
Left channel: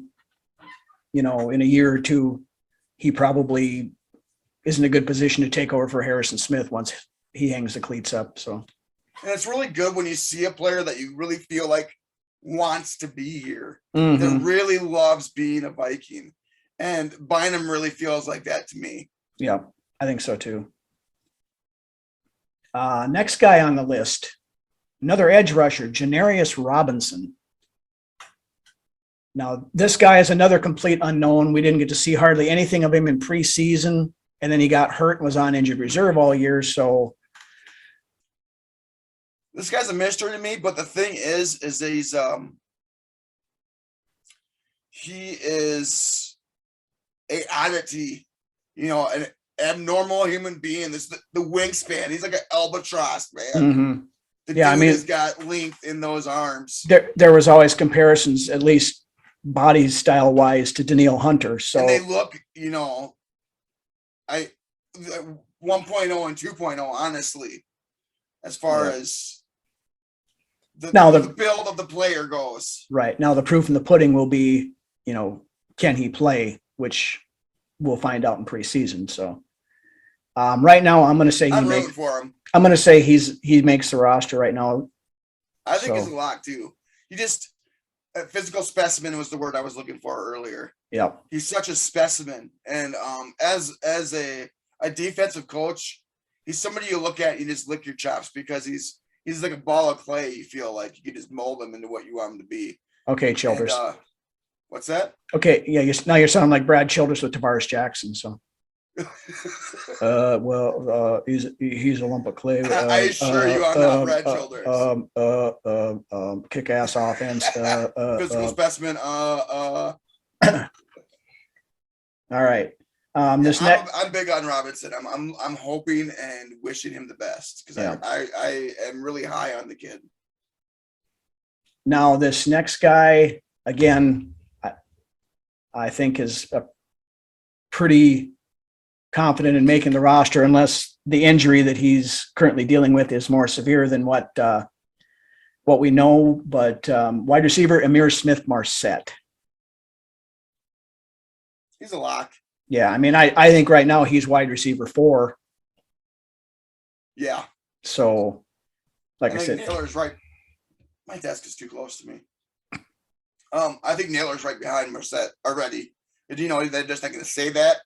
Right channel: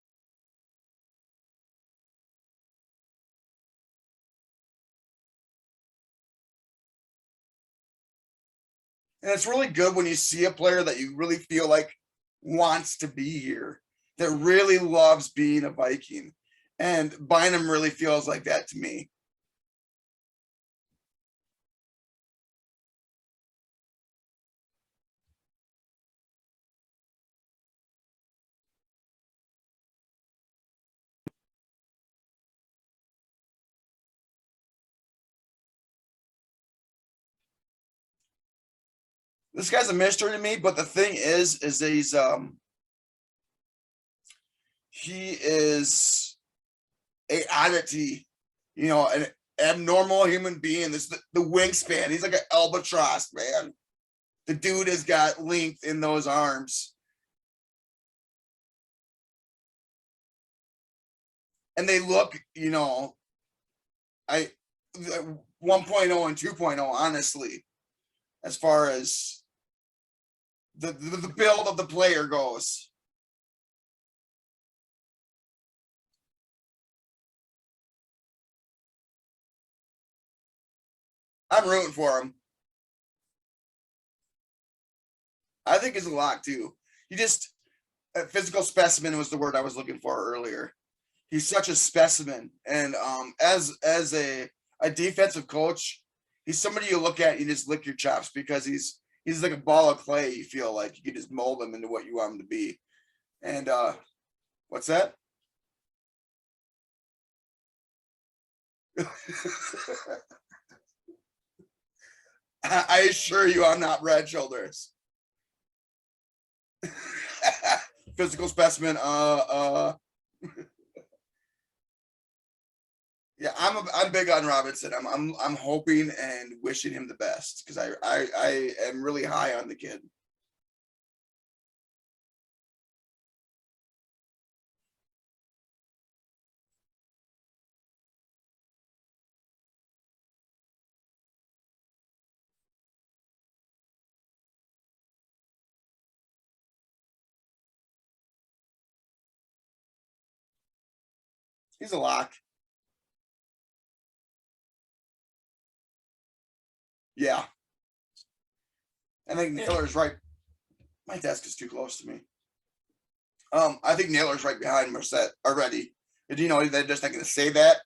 you know, in a year or two, he probably is in a good position to take over for Harrison Smith once he hangs the cleats up. So, and it's really good when you see a player that you really feel like wants to be here, that really loves being a Viking. And Bynum really feels like that to me. Yeah, I think so too. Next guy on the list, another edge rusher, Janarius Robinson. Now, this guy is another complete unknown. We didn't get to see hardly anything of him in preseason, and then he got hurt and was on injured reserve all year. So this guy's a mystery to me, but the thing is that he is a oddity, you know, an abnormal human being. This the wingspan. He's like an albatross, man. The dude has got length in those arms. There was always comparisons, at least body style wise, to Danielle Hunter. So, and they look, you know, 1.0 and 2.0, honestly, as far as the build of the player goes. Right. Now the proof in the pudding will be, you know, can he play, which we'll find out in preseason. So right now I'm going to say I'm rooting for him. I'm going to say he makes the roster right now. I think he's a lock too. A physical specimen was the word I was looking for earlier. Yeah. He's such a specimen. And as a defensive coach, he's somebody you look at, you just lick your chops, because he's like a ball of clay. You feel like you can just mold him into what you want him to be. Okay, Childress. And, what's that? Okay, yeah, now you're sounding like Brad Childress with Tavares Jackson. So, he's a lump of clay. I assure you, I'm not Brad Childress. Kick-ass offense. Physical specimen. All right. I'm big on Robinson. I'm hoping and wishing him the best, because I am really high on the kid. Now this next guy, again, I think is pretty confident in making the roster, unless the injury that he's currently dealing with is more severe than what we know. But wide receiver Amir Smith-Marset. He's a lock. Yeah, I mean, I think right now he's wide receiver 4. Yeah. So, like I said, Naylor's right. My desk is too close to me. I think Naylor's right behind Marset already. Did you know they're just not going to say that?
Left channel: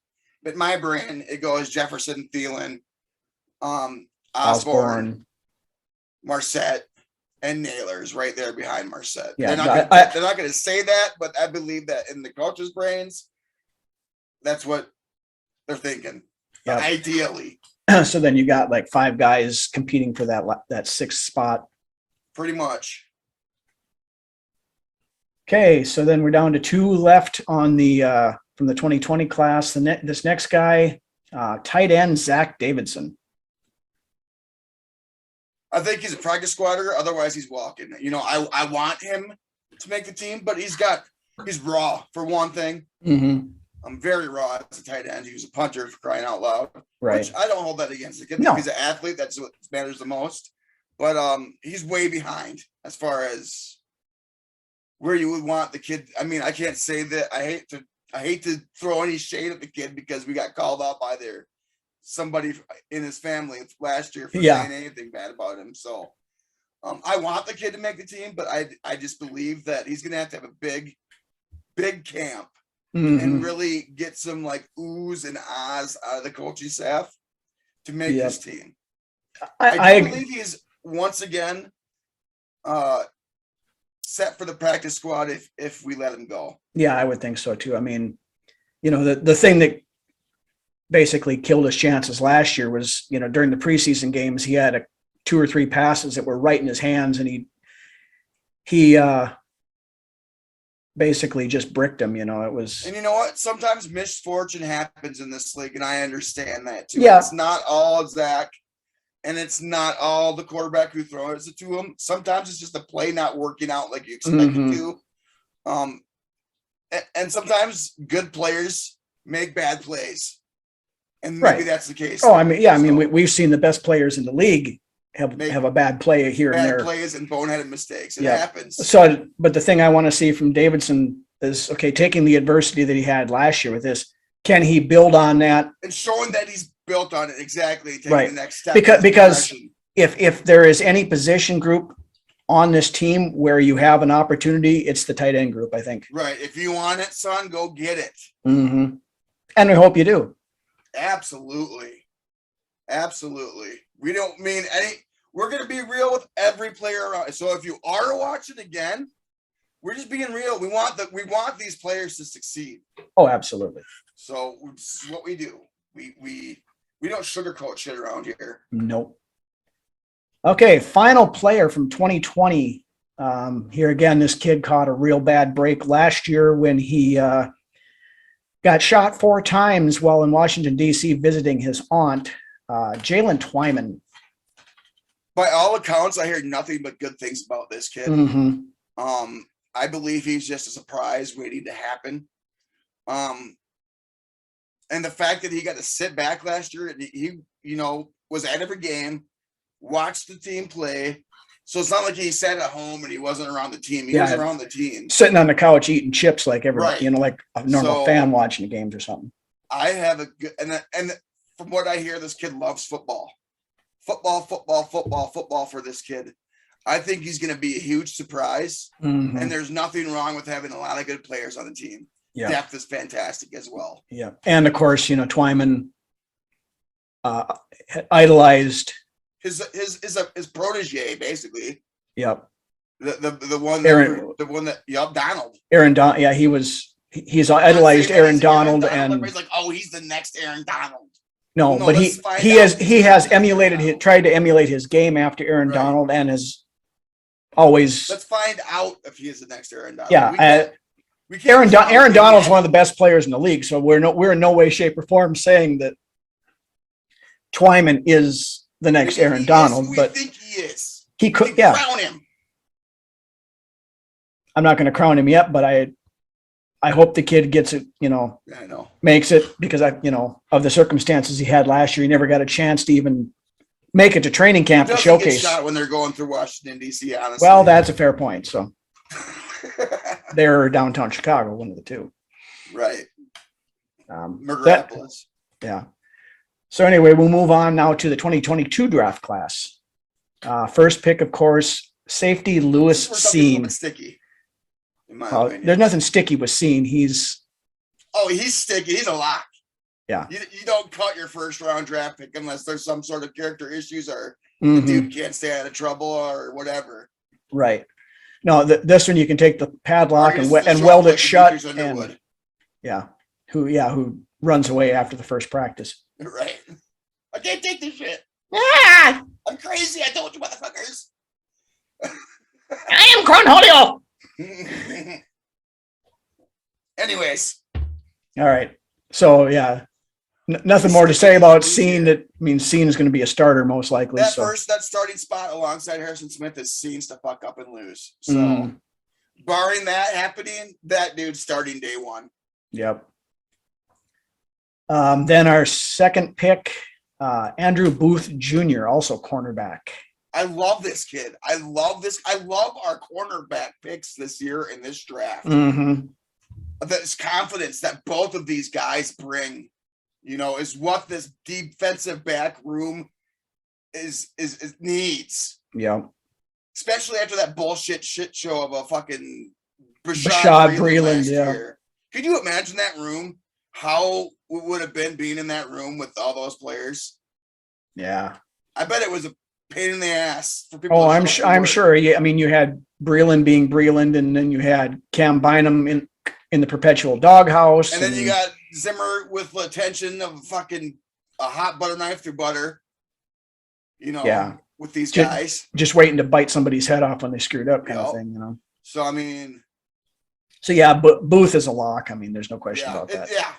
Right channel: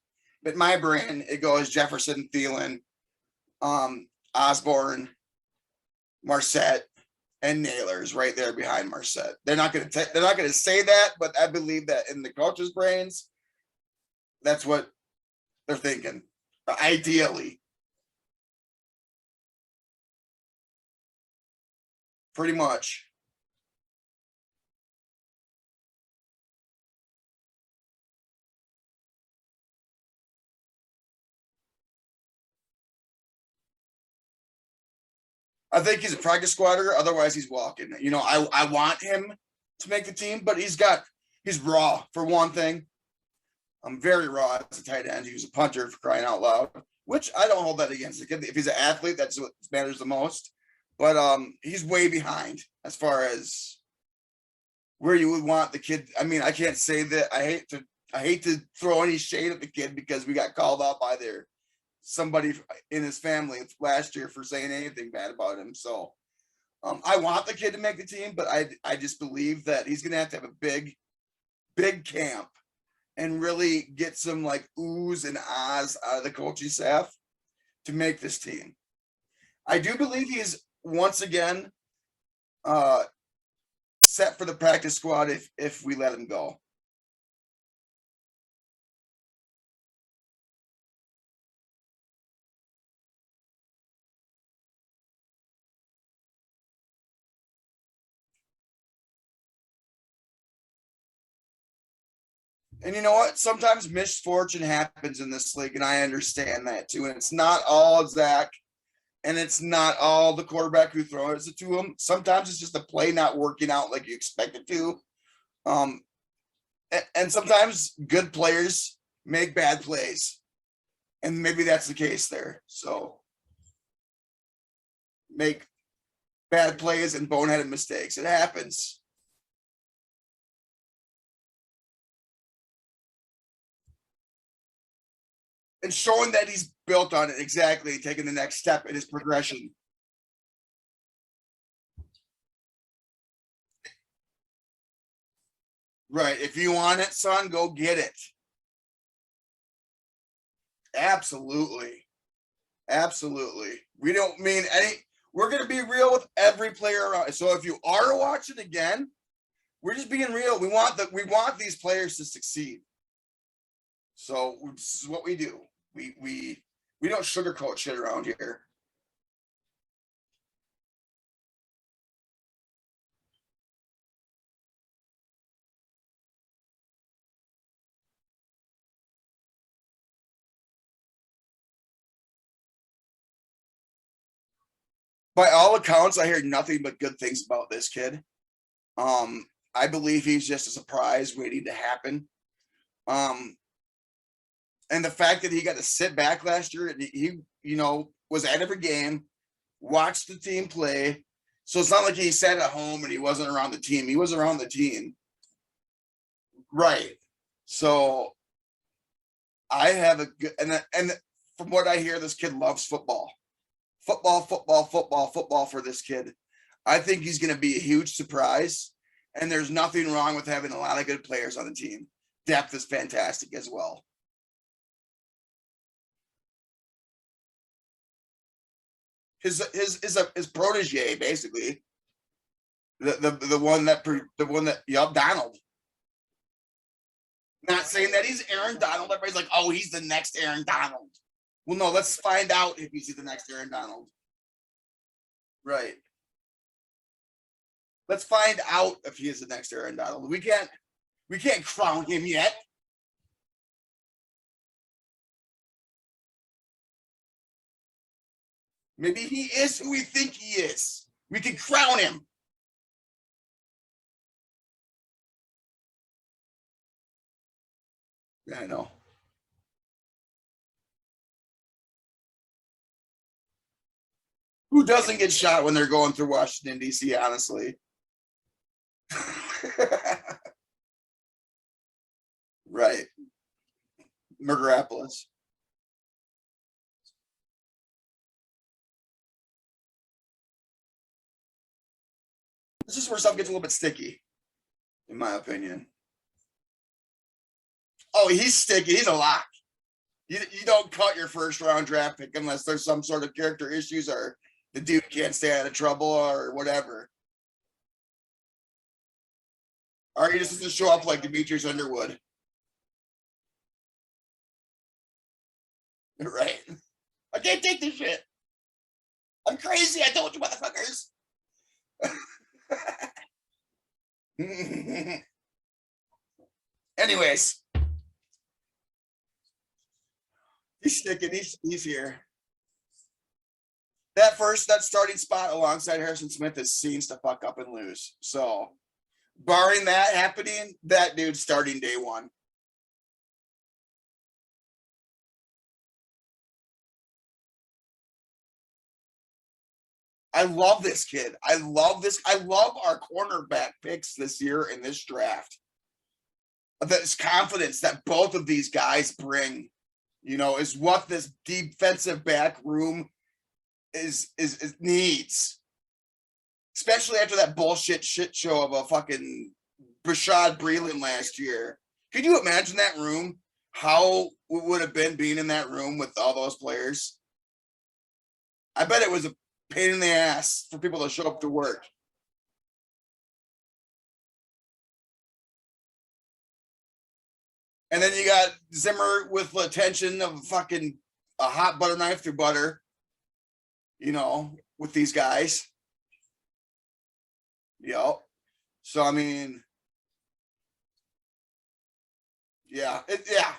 But my brain, it goes Jefferson, Thielen, Osborne, Marset, and Naylor's right there behind Marset. Yeah, they're not going to say that, but I believe that in the coaches' brains, that's what they're thinking. Yeah. Ideally. So then you got like 5 guys competing for that 6th spot. Pretty much. Okay, so then we're down to 2 left on the from the 2020 class. This next guy, tight end Zach Davidson. I think he's a practice squatter. Otherwise, he's walking. You know, I want him to make the team, but he's raw for one thing. I'm very raw as a tight end. He was a punter, for crying out loud. Right. Which I don't hold that against the kid. No. If he's an athlete, that's what matters the most. But he's way behind as far as where you would want the kid. I mean, I can't say that. I hate to throw any shade at the kid, because we got called out by somebody in his family last year for saying anything bad about him. So I want the kid to make the team, but I just believe that he's going to have a big camp and really get some like oohs and ahs out of the coaching staff to make this team. I believe he's once again set for the practice squad if we let him go. Yeah, I would think so too. I mean, you know, the thing that basically killed his chances last year was, you know, during the preseason games, he had 2 or 3 passes that were right in his hands, and he basically just bricked him. You know, it was. And you know what? Sometimes misfortune happens in this league, and I understand that too. Yeah. It's not all Zach, and it's not all the quarterback who throws it to him. Sometimes it's just the play not working out like you expect it to. and sometimes good players make bad plays, and maybe Right. that's the case. Oh, there. I mean, yeah, I mean, So, we've seen the best players in the league Make have a bad play here and bad there. plays and boneheaded mistakes. It Yeah. happens. So, but the thing I want to see from Davidson is, okay, taking the adversity that he had last year with this, can he build on that? And showing that he's built on it, exactly, taking Right. the next step. Because in his progression. if there is any position group on this team where you have an opportunity, it's the tight end group, I think. Right. If you want it, son, go get it. Mm-hmm. And we hope you do. Absolutely. Absolutely. We don't mean any, we're going to be real with every player around. So if you are watching again, we're just being real. We want these players to succeed. Oh, absolutely. So this is what we do. We don't sugarcoat shit around here. Nope. Okay, final player from 2020. Here again, this kid caught a real bad break last year when he got shot 4 times while in Washington, D.C. visiting his aunt, Jalen Twyman. By all accounts, I hear nothing but good things about this kid. Mhm. I believe he's just a surprise waiting to happen. And the fact that he got to sit back last year and he was at every game, watched the team play. So it's not like he sat at home and he wasn't around the team. He was around the team. Sitting on the couch eating chips like every, Right. like a normal So, fan watching the games or something. I have a good, and from what I hear, this kid loves football. Football for this kid. I think he's going to be a huge surprise. Mhm. And there's nothing wrong with having a lot of good players on the team. Yeah. Depth is fantastic as well. Yeah. And of course, Twyman idolized. His protege, basically. Yep. The one Donald. Aaron Donald. Yeah, he's idolized Aaron Donald, and everybody's like, oh, he's the next Aaron Donald. no, No, but let's find he out has if he's tried to emulate his game after Aaron Right. Donald, and has always. Let's find out if he is the next Aaron Donald. Yeah, we can't Aaron Donald's one of the best players in the league, so we're in no way, shape, or form saying that Twyman is the next Maybe Aaron he Donald, is who but we think he is. he We could. can Yeah, crown him. I'm not going to crown him yet, but I hope the kid gets it. Yeah, I know. Makes it, because of the circumstances he had last year, he never got a chance to even make it to training Who camp to doesn't get showcase. shot when they're going through Washington, D.C., honestly? Well, that's a fair point. So they're downtown Chicago, one of the two. right. That- Murderopolis. yeah. So anyway, we'll move on now to the 2022 draft class. First pick, of course, safety Lewis This is where something's a little Seen. bit sticky, in my opinion. There's nothing sticky with Seen. He's sticky. He's a lock. Yeah. You don't cut your first round draft pick unless there's some sort of character issues or the Mhm. dude can't stay out of trouble or whatever. Right. No, this one you can take the padlock Or he and, just doesn't show weld up it like shut. Demetrius Underwood. and- yeah. Who runs away after the first practice. Right. I can't take this shit. Ah, I'm crazy. I told you, motherfuckers. I am Cornholio. Anyways, All right. So yeah, nothing He's more to say sticking about his Seen. here. That means Seen is going to be a starter most likely. that so. that starting spot alongside Harrison Smith is scenes to fuck up and lose. So, Mm. barring that happening, that dude's starting day one. Yep. Then our second pick, Andrew Booth Jr., also cornerback. I love this kid. I love our cornerback picks this year in this draft. Mm-hmm. This confidence that both of these guys bring, is what this defensive back room is needs. Yep. Especially after that bullshit shit show of a fucking Rashad Rashad Breeland Breeland, last yeah. year. Could you imagine that room? How it would have been being in that room with all those players? Yeah. I bet it was a pain in the ass for people. Oh, to I'm show up to I'm work. sure. Yeah, I mean, you had Breeland being Breeland, and then you had Cam Bynum in the perpetual doghouse, And then you got Zimmer with the attention of fucking a hot butter knife through butter. Yeah. With these Just- guys. just waiting to bite somebody's head off when they screwed up, kind of Yep. thing. So I mean, So yeah, but Booth is a lock. I mean, there's no question yeah, about that.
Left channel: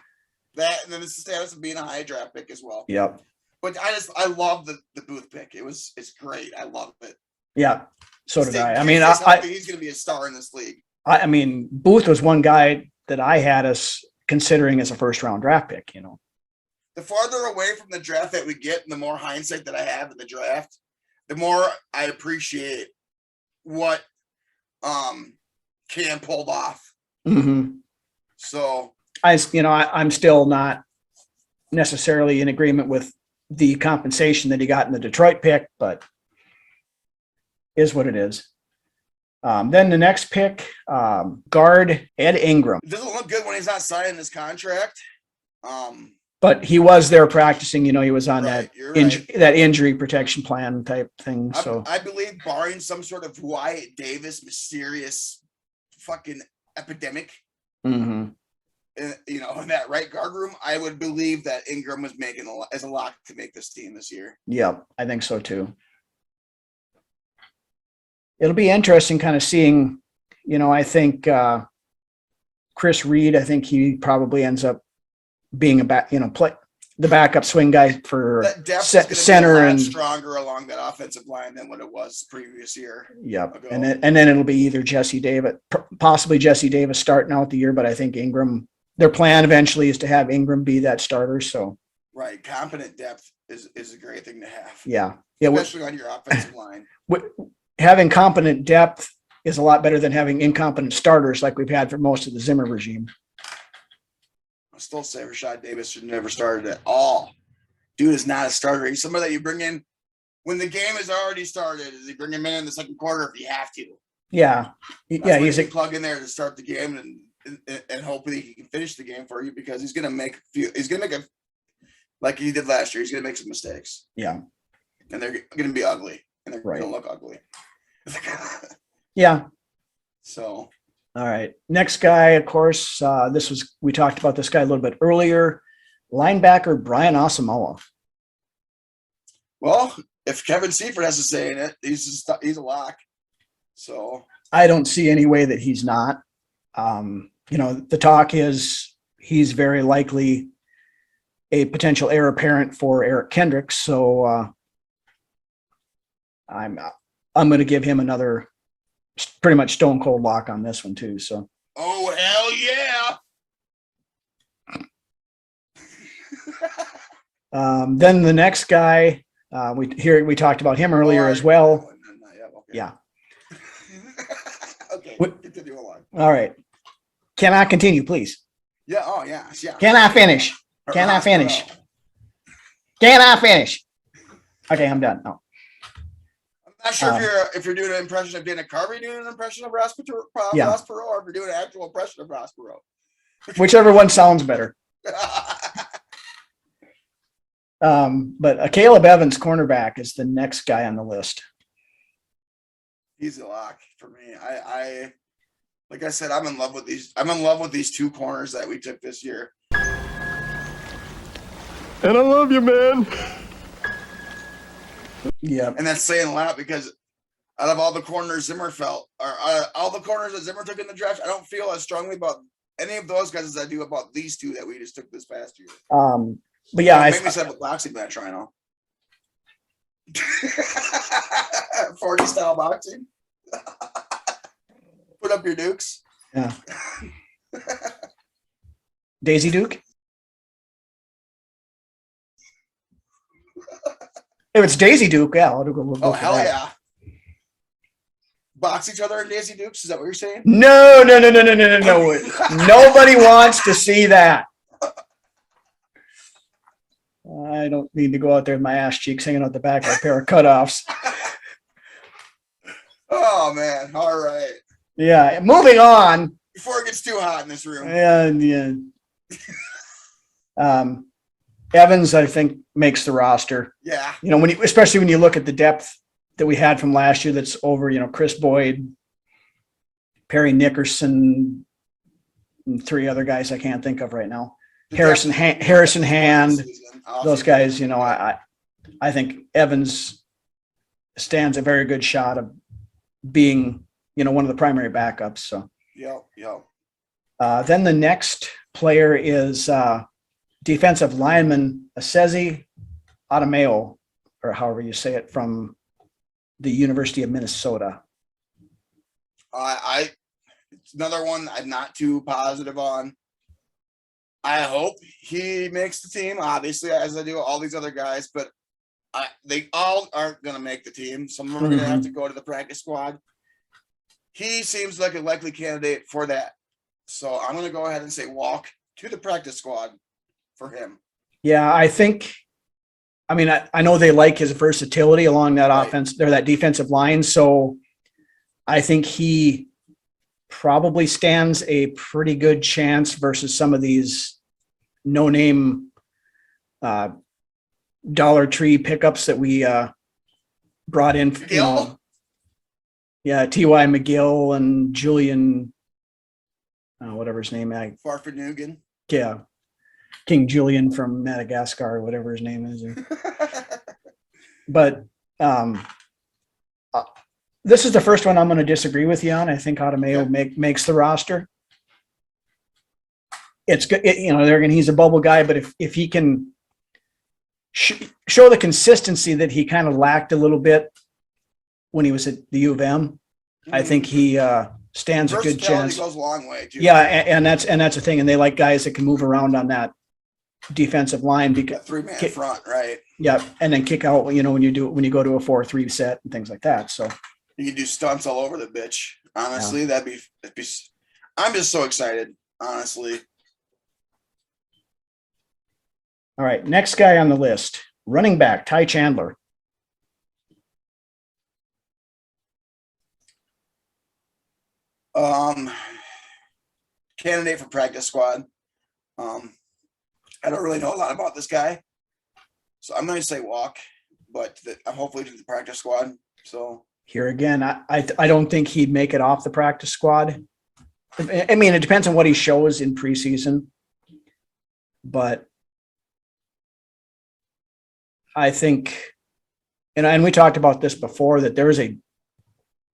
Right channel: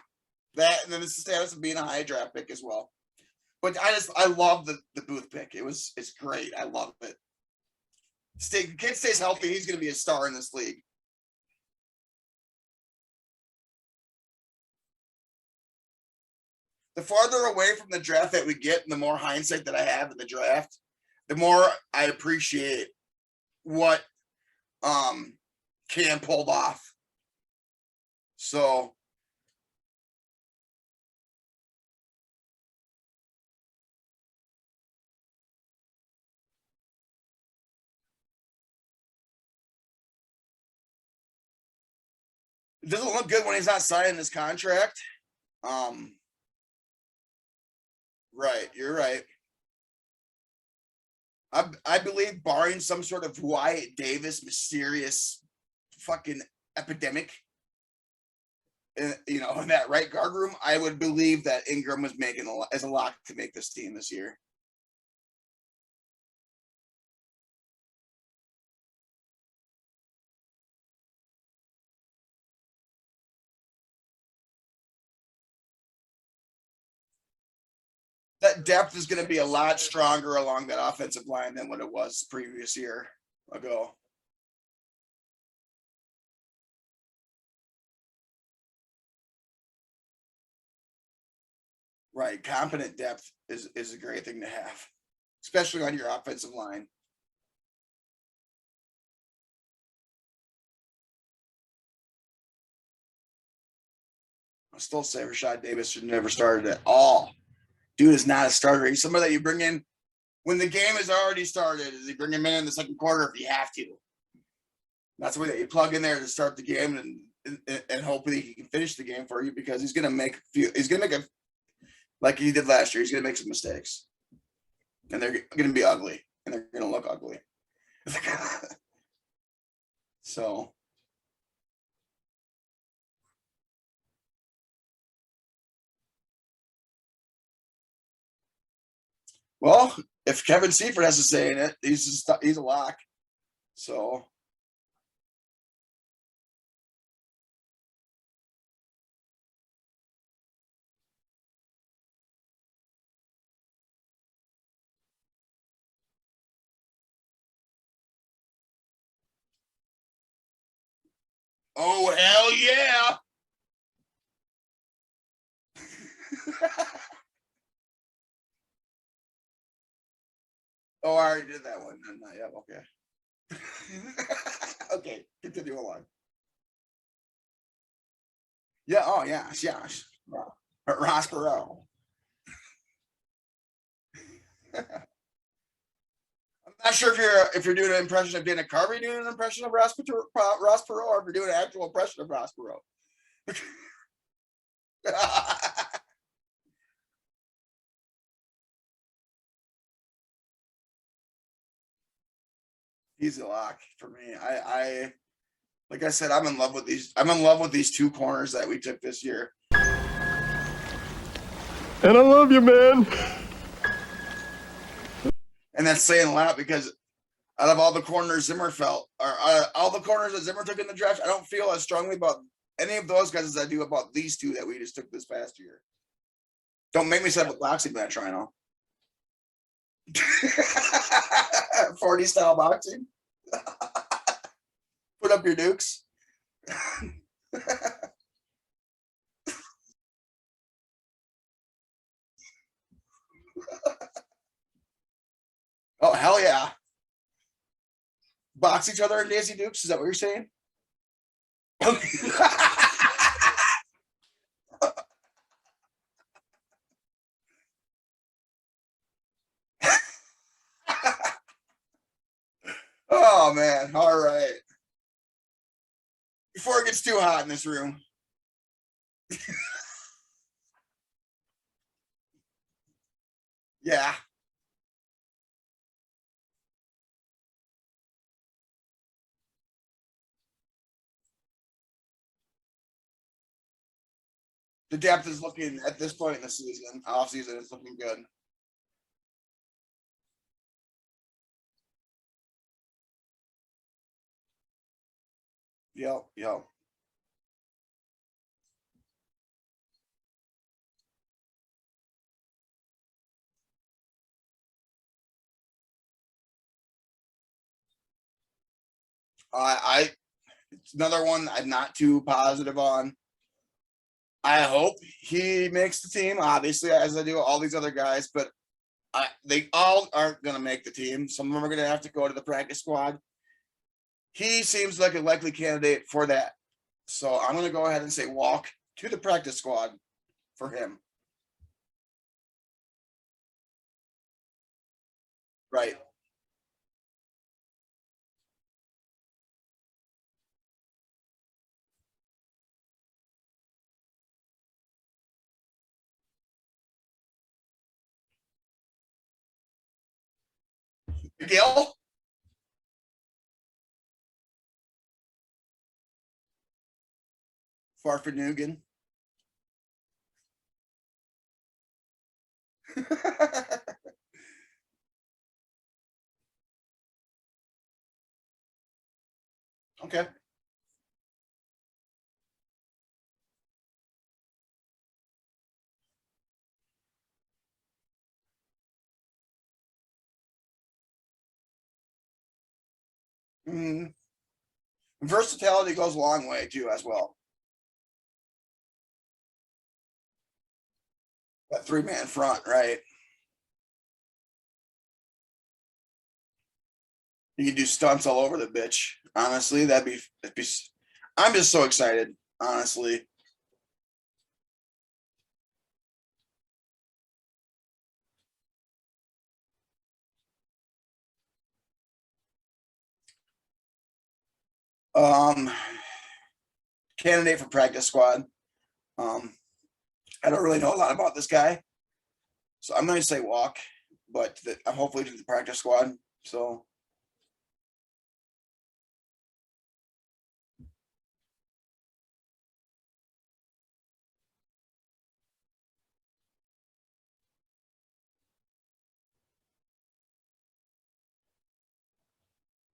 that and then it's the status of being a high draft pick as well. Yep. But I love the Booth pick. It's great. I love it. Yeah. So did I. I Kid mean, stays healthy, he's going to be a star in this league. I mean, Booth was one guy that I had us considering as a first round draft pick, you know. The farther away from the draft that we get, and the more hindsight that I have in the draft, the more I appreciate what Cam pulled off. Mm-hmm. So I'm still not necessarily in agreement with the compensation that he got in the Detroit pick, but is what it is. Then the next pick, guard Ed Ingram. it doesn't look good when he's not signing his contract. But he was there practicing, you know, he was on Right, you're right. that injury protection plan type thing. So I believe, barring some sort of Wyatt Davis mysterious fucking epidemic, mm-hmm. you know, in that right guard room, I would believe that Ingram was making as a lock to make this team this year. Yeah, I think so too. It'll be interesting kind of seeing, you know, I think Chris Reed, I think he probably ends up being the backup swing guy for That depth is going to center be a lot and stronger along that offensive line than what it was previous year. Yep. ago. And then it'll be either Jesse Davis, possibly Jesse Davis starting out the year, but I think Ingram, their plan eventually is to have Ingram be that starter. So Right, competent depth is a great thing to have. yeah, Especially on your offensive line. having competent depth is a lot better than having incompetent starters like we've had for most of the Zimmer regime. I still say Rashad Davis should never started at all. Dude is not a starter. He's somebody that you bring in when the game has already started. Is you bring him in the second quarter if you have to? Yeah, He's a plug in there to start the game and hopefully he can finish the game for you, because he's gonna make like he did last year. He's gonna make some mistakes. Yeah, and they're gonna be ugly, and they're right. gonna look ugly. Yeah. So. All right. Next guy, of course, we talked about this guy a little bit earlier. Linebacker Brian Asamoah. Well, if Kevin Seifert has to say in it, he's a lock. So I don't see any way that he's not. You know, the talk is he's very likely a potential heir apparent for Eric Kendricks. So I'm going to give him another pretty much stone cold lock on this one too. So. Oh, hell yeah. Then the next guy, we talked about him earlier as well. Okay. Yeah. Okay. Continue along. All right. Can I continue, please? Yeah. Oh, yeah. Yeah. Can I finish? Can I finish? Can I finish? Okay, I'm done. No. I'm not sure if you're doing an impression of Dana Carvey, doing an impression of Ross Perot, or if you're doing an actual impression of Ross Perot. Whichever one sounds better. But Caleb Evans, cornerback, is the next guy on the list. He's a lock for me. I like I said, I'm in love with these. I'm in love with these two corners that we took this year. And I love you, man. Yeah. And that's saying a lot, because out of all the corners Zimmer all the corners that Zimmer took in the draft, I don't feel as strongly about any of those guys as I do about these two that we just took this past year. But yeah, Don't make me set up a boxing match, Rhino. 40 style boxing. Put up your dukes. Yeah. Daisy Duke. If it's Daisy Duke, yeah. We'll Oh, hell yeah. Box each other in Daisy Dukes? Is that what you're saying? No. Nobody wants to see that. I don't need to go out there with my ass cheeks hanging out the back of a pair of cutoffs. Oh, man. All right. Yeah. Moving on. Before it gets too hot in this room. Yeah. Evans, I think, makes the roster. Yeah. You know, especially when you look at the depth that we had from last year, that's over, you know, Chris Boyd, Perry Nickerson, and three other guys I can't think of right now. Harrison Hand, those guys, you know, I think Evans stands a very good shot of being, you know, one of the primary backups. So, Yep. then the next player is defensive lineman Asezi Adofo-Mensah, or however you say it, from the University of Minnesota. another one I'm not too positive on. I hope he makes the team, obviously, as I do all these other guys, but they all aren't going to make the team. Some of them are going to have to go to the practice squad. He seems like a likely candidate for that. So I'm going to go ahead and say walk to the practice squad for him. Yeah, I know they like his versatility along that offense or that defensive line. So I think he probably stands a pretty good chance versus some of these no-name Dollar Tree pickups that we brought in. McGill? Yeah, T.Y. McGill and Julian, whatever his name is. Farfanugan. Yeah, King Julian from Madagascar, or whatever his name is. But this is the first one I'm going to disagree with you on. I think Adofo-Mensah makes the roster. It's good, he's a bubble guy, but if he can show the consistency that he kind of lacked a little bit when he was at the U of M, I think he stands a good chance. Versatility goes a long way too. Yeah, and that's the thing, and they like guys that can move around on that defensive line because 3-man front, right? Yeah, and then kick out. When you go to a 4-3 set and things like that. So you can do stunts all over the bitch. Honestly, that'd be. I'm just so excited. Honestly. All right, next guy on the list, running back Ty Chandler. Candidate for practice squad. I don't really know a lot about this guy, so I'm going to say walk, but I'm hopefully to the practice squad. So here again, I don't think he'd make it off the practice squad. I mean, it depends on what he shows in preseason, but I think, and we talked about this before, that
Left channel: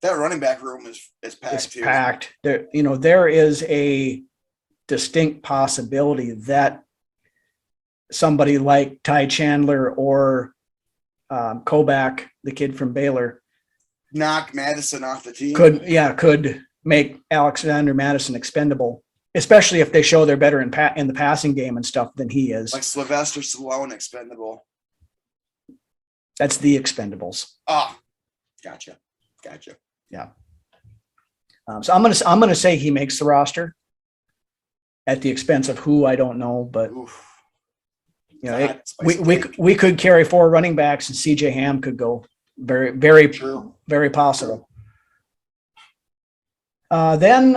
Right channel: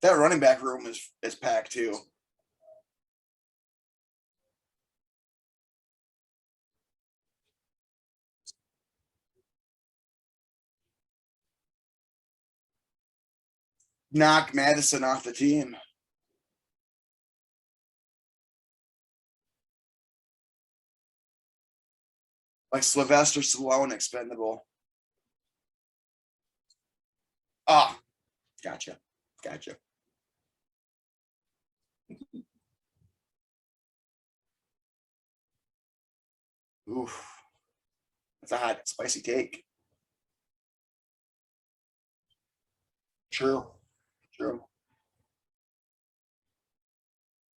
that running back room is packed too. Packed. There is a distinct possibility that somebody like Ty Chandler or Kobach, the kid from Baylor, knock Madison off the team. Could make Alexander Madison expendable, especially if they show they're better in the passing game and stuff than he is. Like Sylvester Stallone expendable. That's the Expendables. Ah, gotcha. Yeah. So I'm gonna say he makes the roster at the expense of who I don't know, but we could carry 4 running backs and CJ Ham could go. Very, very true. Very possible. Then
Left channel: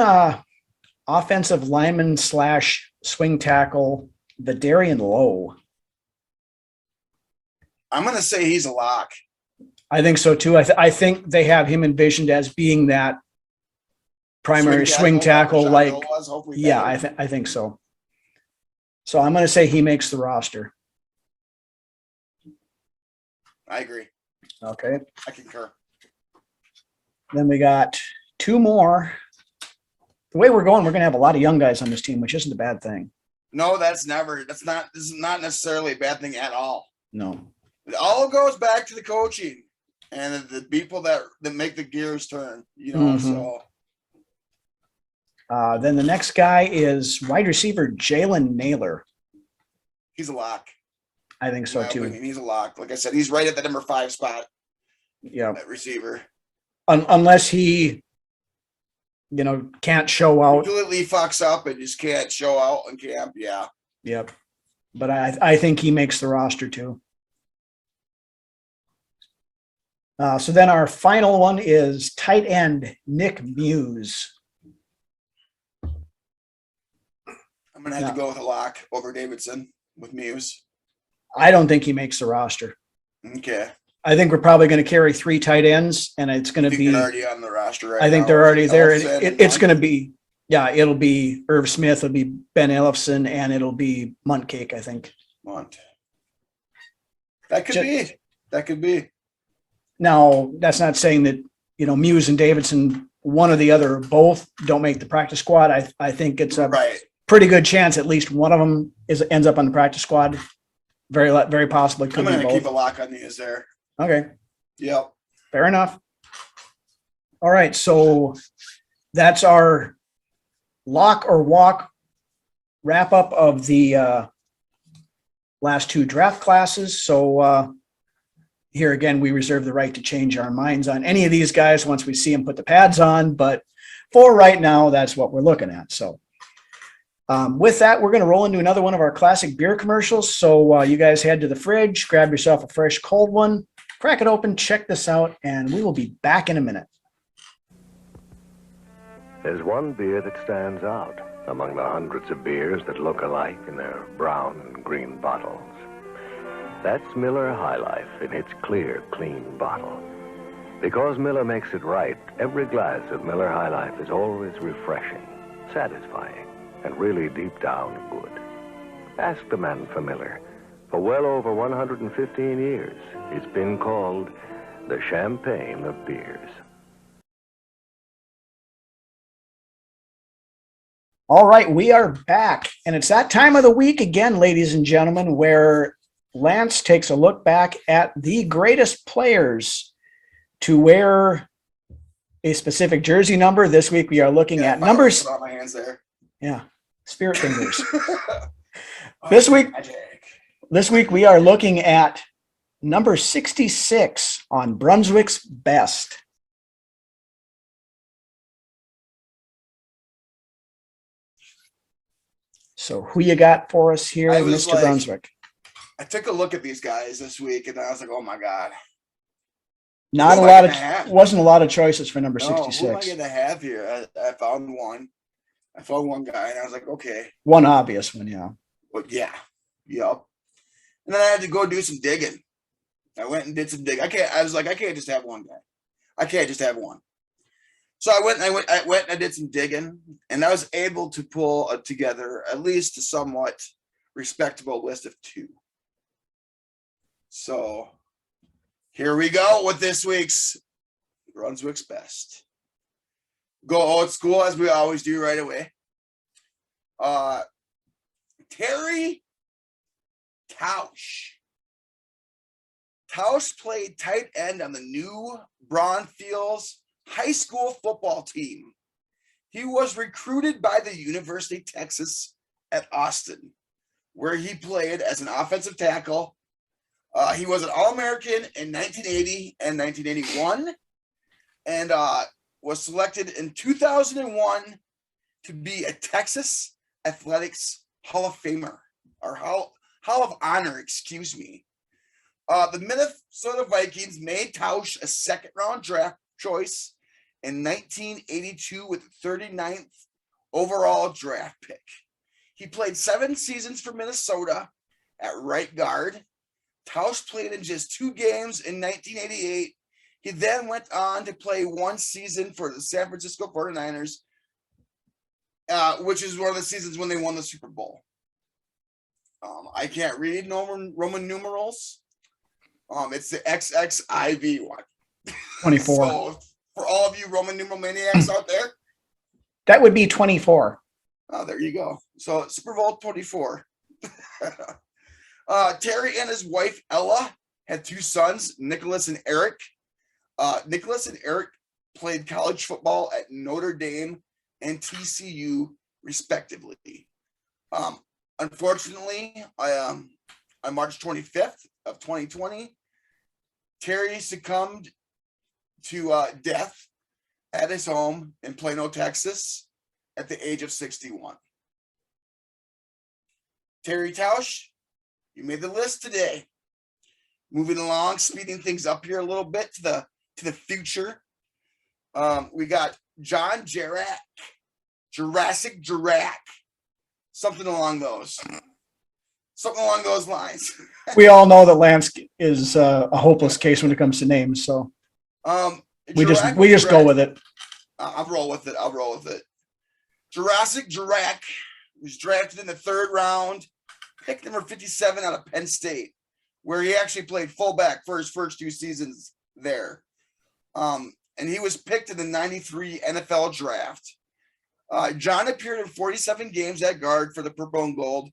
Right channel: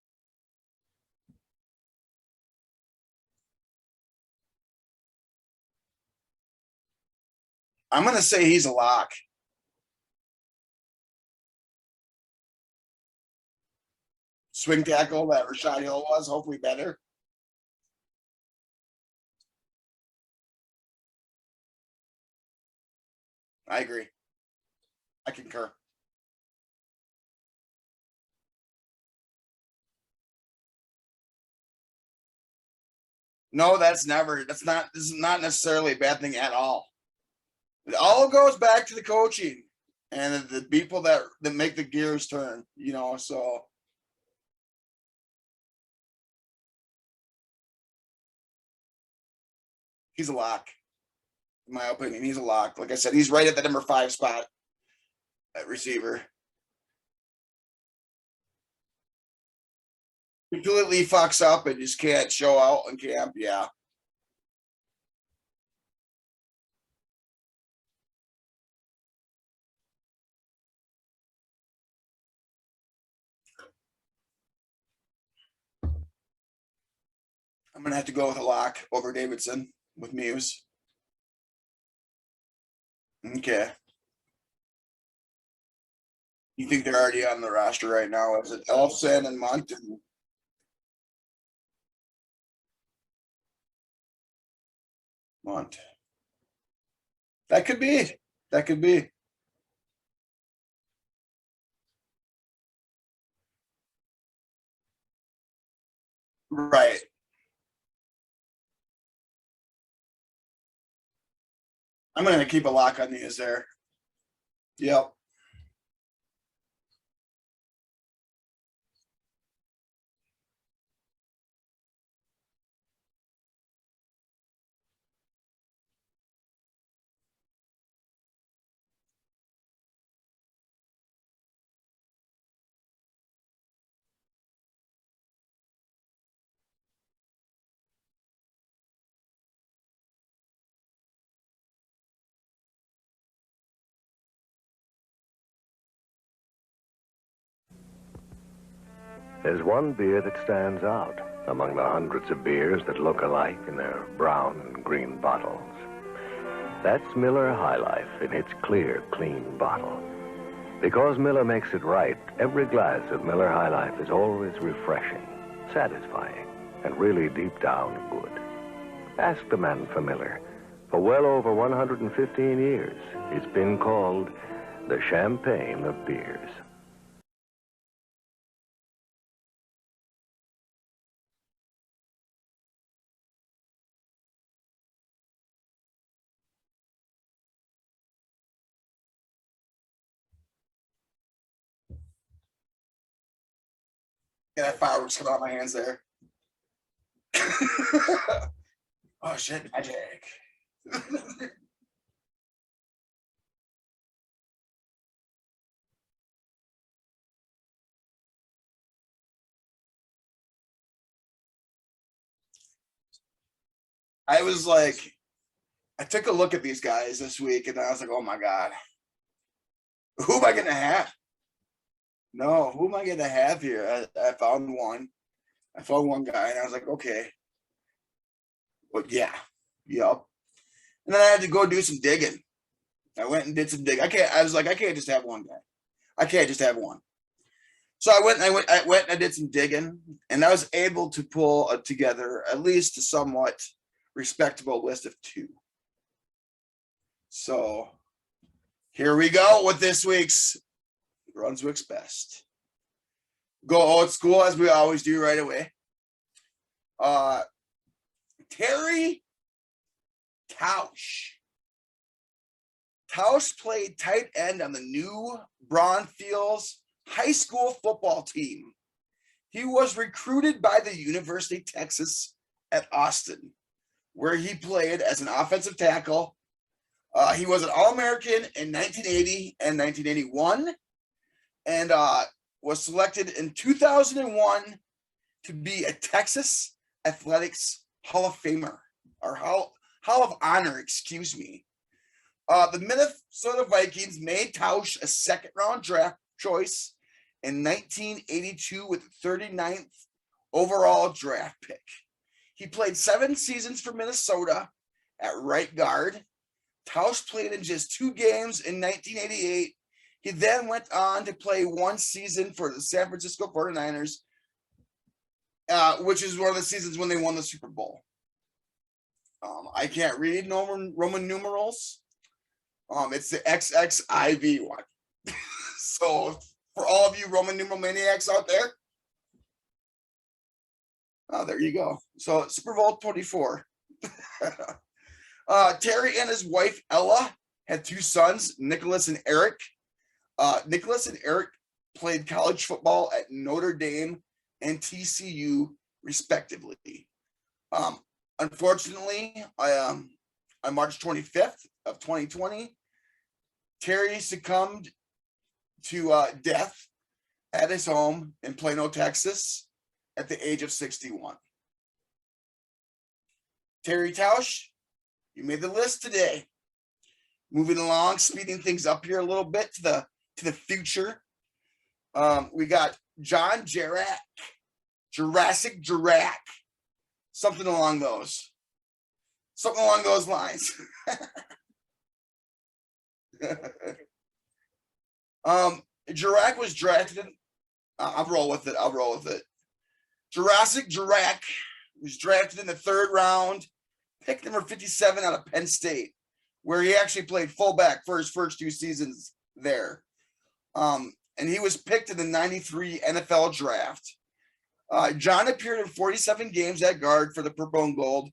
offensive lineman / swing tackle, Vidarian Lowe. I'm going to say he's a lock. I think so too. I think they have him envisioned as being that primary swing tackle like, yeah, I think so. So I'm going to say he makes the roster. I agree. Okay. I concur. Then we got 2 more. The way we're going, we're going to have a lot of young guys on this team, which isn't a bad thing. No, this is not necessarily a bad thing at all. No. It all goes back to the coaching and the people that make the gears turn, so. Then the next guy is wide receiver Jalen Naylor. He's a lock. I think so too. He's a lock. Like I said, he's right at the number 5 spot. Yeah. At receiver. Unless he, can't show out. Completely fucks up and just can't show out in camp. Yeah. Yep. But I think he makes the roster too. So then our final one is tight end Nick Muse. I'm going to have to go with a lock over Davidson with Muse. I don't think he makes the roster. Okay. I think we're probably going to carry 3 tight ends, and it's going to be. They're already on the roster right now. I think they're already there. It's going to be, it'll be Irv Smith, it'll be Ben Ellefson, and it'll be Muntcake, I think. That could be. Now, that's not saying that, Muse and Davidson, one or the other, both don't make the practice squad. I think it's a pretty good chance at least one of them ends up on the practice squad. Very possibly. I'm going to keep a lock on these there. Okay. Yep. Fair enough. All right. So that's our lock or walk wrap up of the last two draft classes. So here again, we reserve the right to change our minds on any of these guys once we see them put the pads on. But for right now, that's what we're looking at. So with that, we're going to roll into another one of our classic beer commercials. So you guys head to the fridge, grab yourself a fresh cold one, crack it open, check this out, and we will be back in a minute. There's one beer that stands out among the hundreds of beers that look alike in their brown and green bottles. That's Miller High Life in its clear, clean bottle. Because Miller makes it right, every glass of Miller High Life is always refreshing, satisfying, and really deep down good. Ask the man for Miller. For well over 115 years, it's been called the champagne of beers. All right, we are back. And it's that time of the week again, ladies and gentlemen, where Lance takes a look back at the greatest players to wear a specific jersey number. This week we are looking at numbers. On my hands there. Yeah, spirit fingers. This week we are looking at number 66 on Brunswick's best. So who you got for us here, I was Mr. like, Brunswick? I took a look at these guys this week, and I was like, "Oh my god!" Not a lot of wasn't a lot of choices for number 66. Who am I going to have here? I found one. I found one guy, and I was like, "Okay." One obvious one, yeah. But yeah, yep. And then I had to go do some digging. I went and did some digging. I can't just have one guy. I can't just have one. So I went and I did some digging, and I was able to pull together at least a somewhat respectable list of two. So here we go with this week's Brunswick's best. Go old school as we always do right away. Terry Tausch. Tausch played tight end on the new Braunfels high school football team. He was recruited by the University of Texas at Austin, where he played as an offensive tackle. He was an All-American in 1980 and 1981, and was selected in 2001 to be a Texas Athletics Hall of Famer, or Hall of Honor, excuse me. The Minnesota Vikings made Tausch a second-round draft choice in 1982 with the 39th overall draft pick. He played 7 seasons for Minnesota at right guard. Tausch played in just 2 games in 1988. He then went on to play 1 season for the San Francisco 49ers, which is one of the seasons when they won the Super Bowl. I can't read Roman numerals. It's the XXIV one. 24. So for all of you Roman numeral maniacs out there, that would be 24. Oh, there you go. So Super Bowl 24. Terry and his wife Ella had 2 sons, Nicholas and Eric. Nicholas and Eric played college football at Notre Dame and TCU, respectively. Unfortunately, on March 25th of 2020, Terry succumbed to death at his home in Plano, Texas, at the age of 61. Terry Tausch, you made the list today. Moving along, speeding things up here a little bit to the future. We got John Jurassic Jirac, something along those lines. We all know that Lance is a hopeless case when it comes to names, so we just go with it. I'll roll with it. Jurassic Jirac was drafted in the 3rd round, pick number 57 out of Penn State, where he actually played fullback for his first 2 seasons there. And he was picked in the 93 NFL draft. John appeared in 47 games at guard for the Purple and Gold,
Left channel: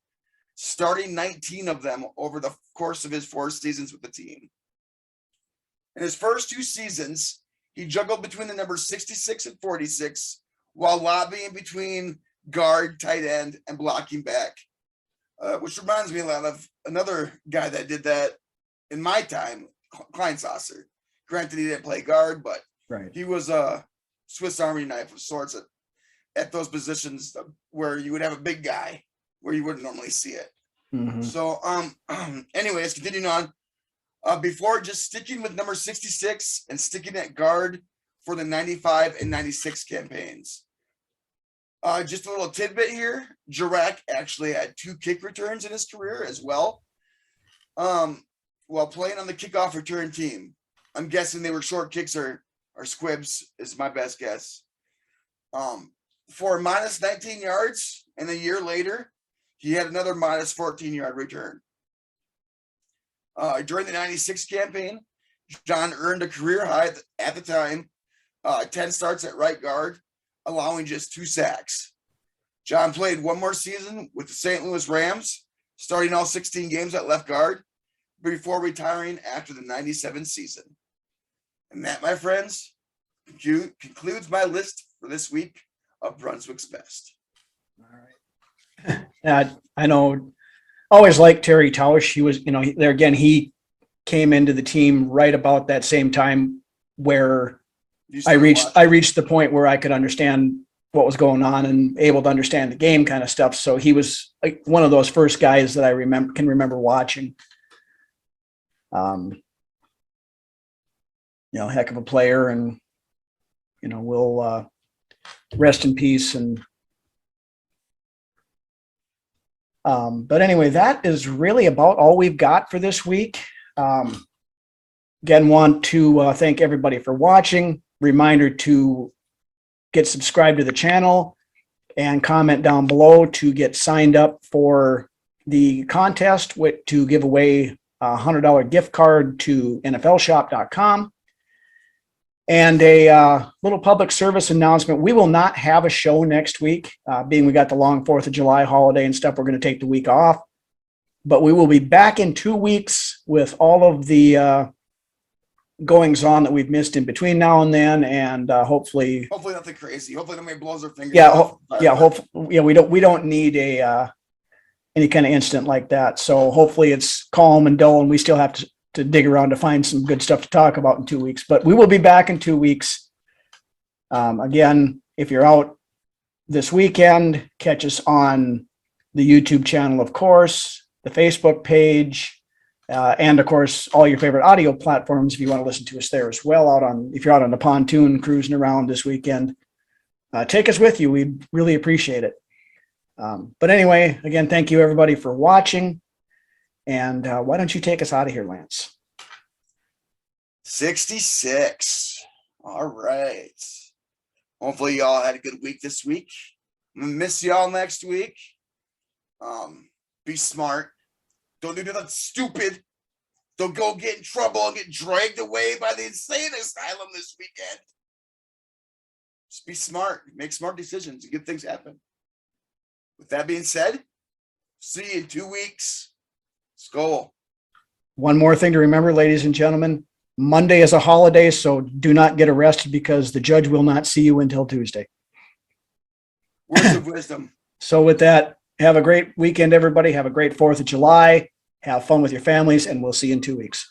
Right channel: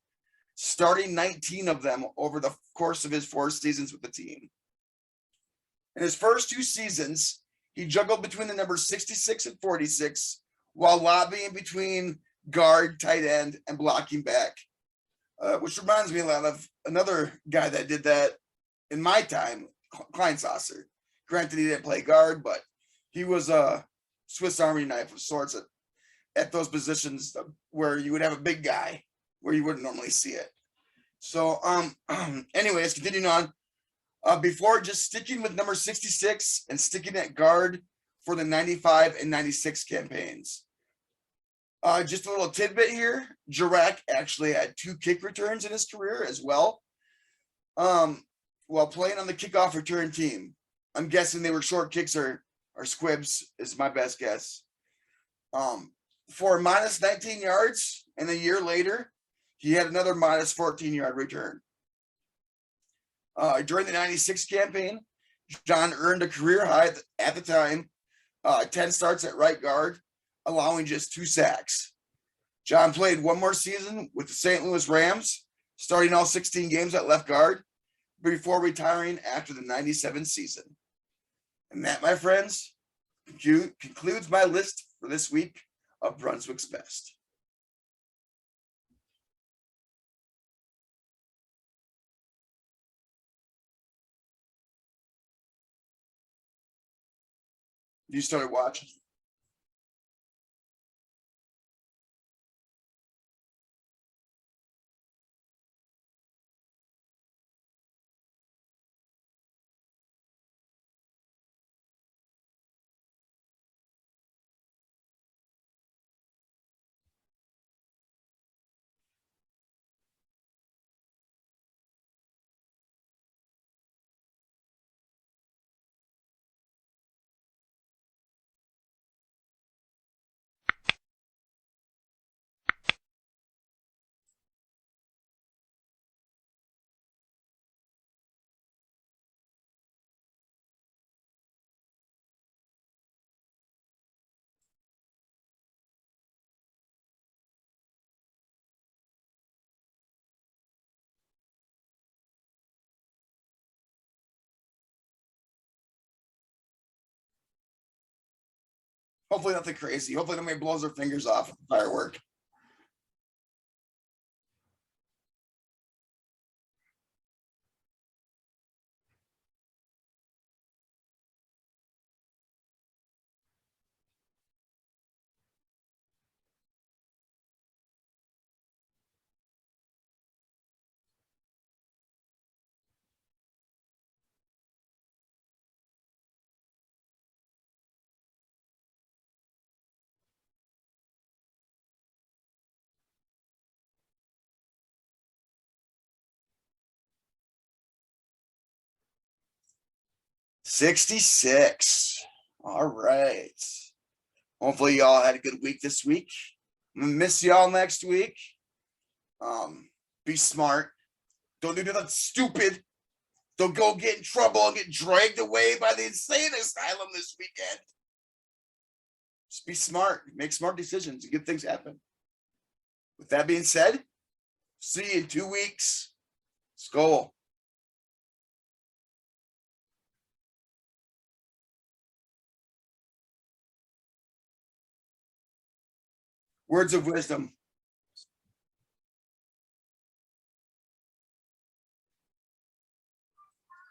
starting 19 of them over the course of his 4 seasons with the team. In his first 2 seasons, he juggled between the numbers 66 and 46 while lobbying between guard, tight end, and blocking back. Which reminds me a lot of another guy that did that in my time, Kleinsasser. Granted, he didn't play guard, but Right. he was a Swiss Army knife of sorts at those positions where you would have a big guy where you wouldn't normally see it. Mhm. So, anyways, continuing on. Before just sticking with number 66 and sticking at guard for the 95 and 96 campaigns. Just a little tidbit here. Jurek actually had 2 kick returns in his career as well. While playing on the kickoff return team. I'm guessing they were short kicks or squibs is my best guess. For minus 19 yards, and a year later, he had another minus 14-yard return. During the 96 campaign, John earned a career high at the time, 10 starts at right guard, allowing just 2 sacks. John played one more season with the St. Louis Rams, starting all 16 games at left guard, before retiring after the 97 season. And that, my friends, concludes my list for this week of Brunswick's best. All right. I know, always liked Terry Tausch. He was, there again, he came into the team right about that same time where I reached the point where I could understand what was going on and able to understand the game kind of stuff. So he was like one of those first guys that I can remember watching. Heck of a player, and we'll rest in peace. And but anyway, that is really about all we've got for this week. Again, want to thank everybody for watching. Reminder to get subscribed to the channel and comment down below to get signed up for the contest to give away a $100 gift card to NFLshop.com. And a little public service announcement. We will not have a show next week, being we got the long 4th of July holiday and stuff. We're going to take the week off. But we will be back in 2 weeks with all of the goings on that we've missed in between now and then, and hopefully nothing crazy. Hopefully nobody blows their fingers off. We don't need any kind of incident like that. So hopefully it's calm and dull, and we still have to dig around to find some good stuff to talk about in 2 weeks. But we will be back in 2 weeks. Again, if you're out this weekend, catch us on the YouTube channel, of course, the Facebook page, and of course, all your favorite audio platforms if you want to listen to us there as well. If you're out on the pontoon cruising around this weekend, take us with you. We'd really appreciate it. But anyway, again, thank you everybody for watching. And why don't you take us out of here, Lance? 66. All right. Hopefully y'all had a good week this week. I'm gonna miss y'all next week. Be smart. Don't do nothing stupid. Don't go get in trouble and get dragged away by the insane asylum this weekend. Just be smart. Make smart decisions and good things happen. With that being said, see you in 2 weeks. Skol. One more thing to remember, ladies and gentlemen, Monday is a holiday, so do not get arrested because the judge will not see you until Tuesday. Words of wisdom. So with that, have a great weekend, everybody. Have a great 4th of July. Have fun with your families, and we'll see you in 2 weeks.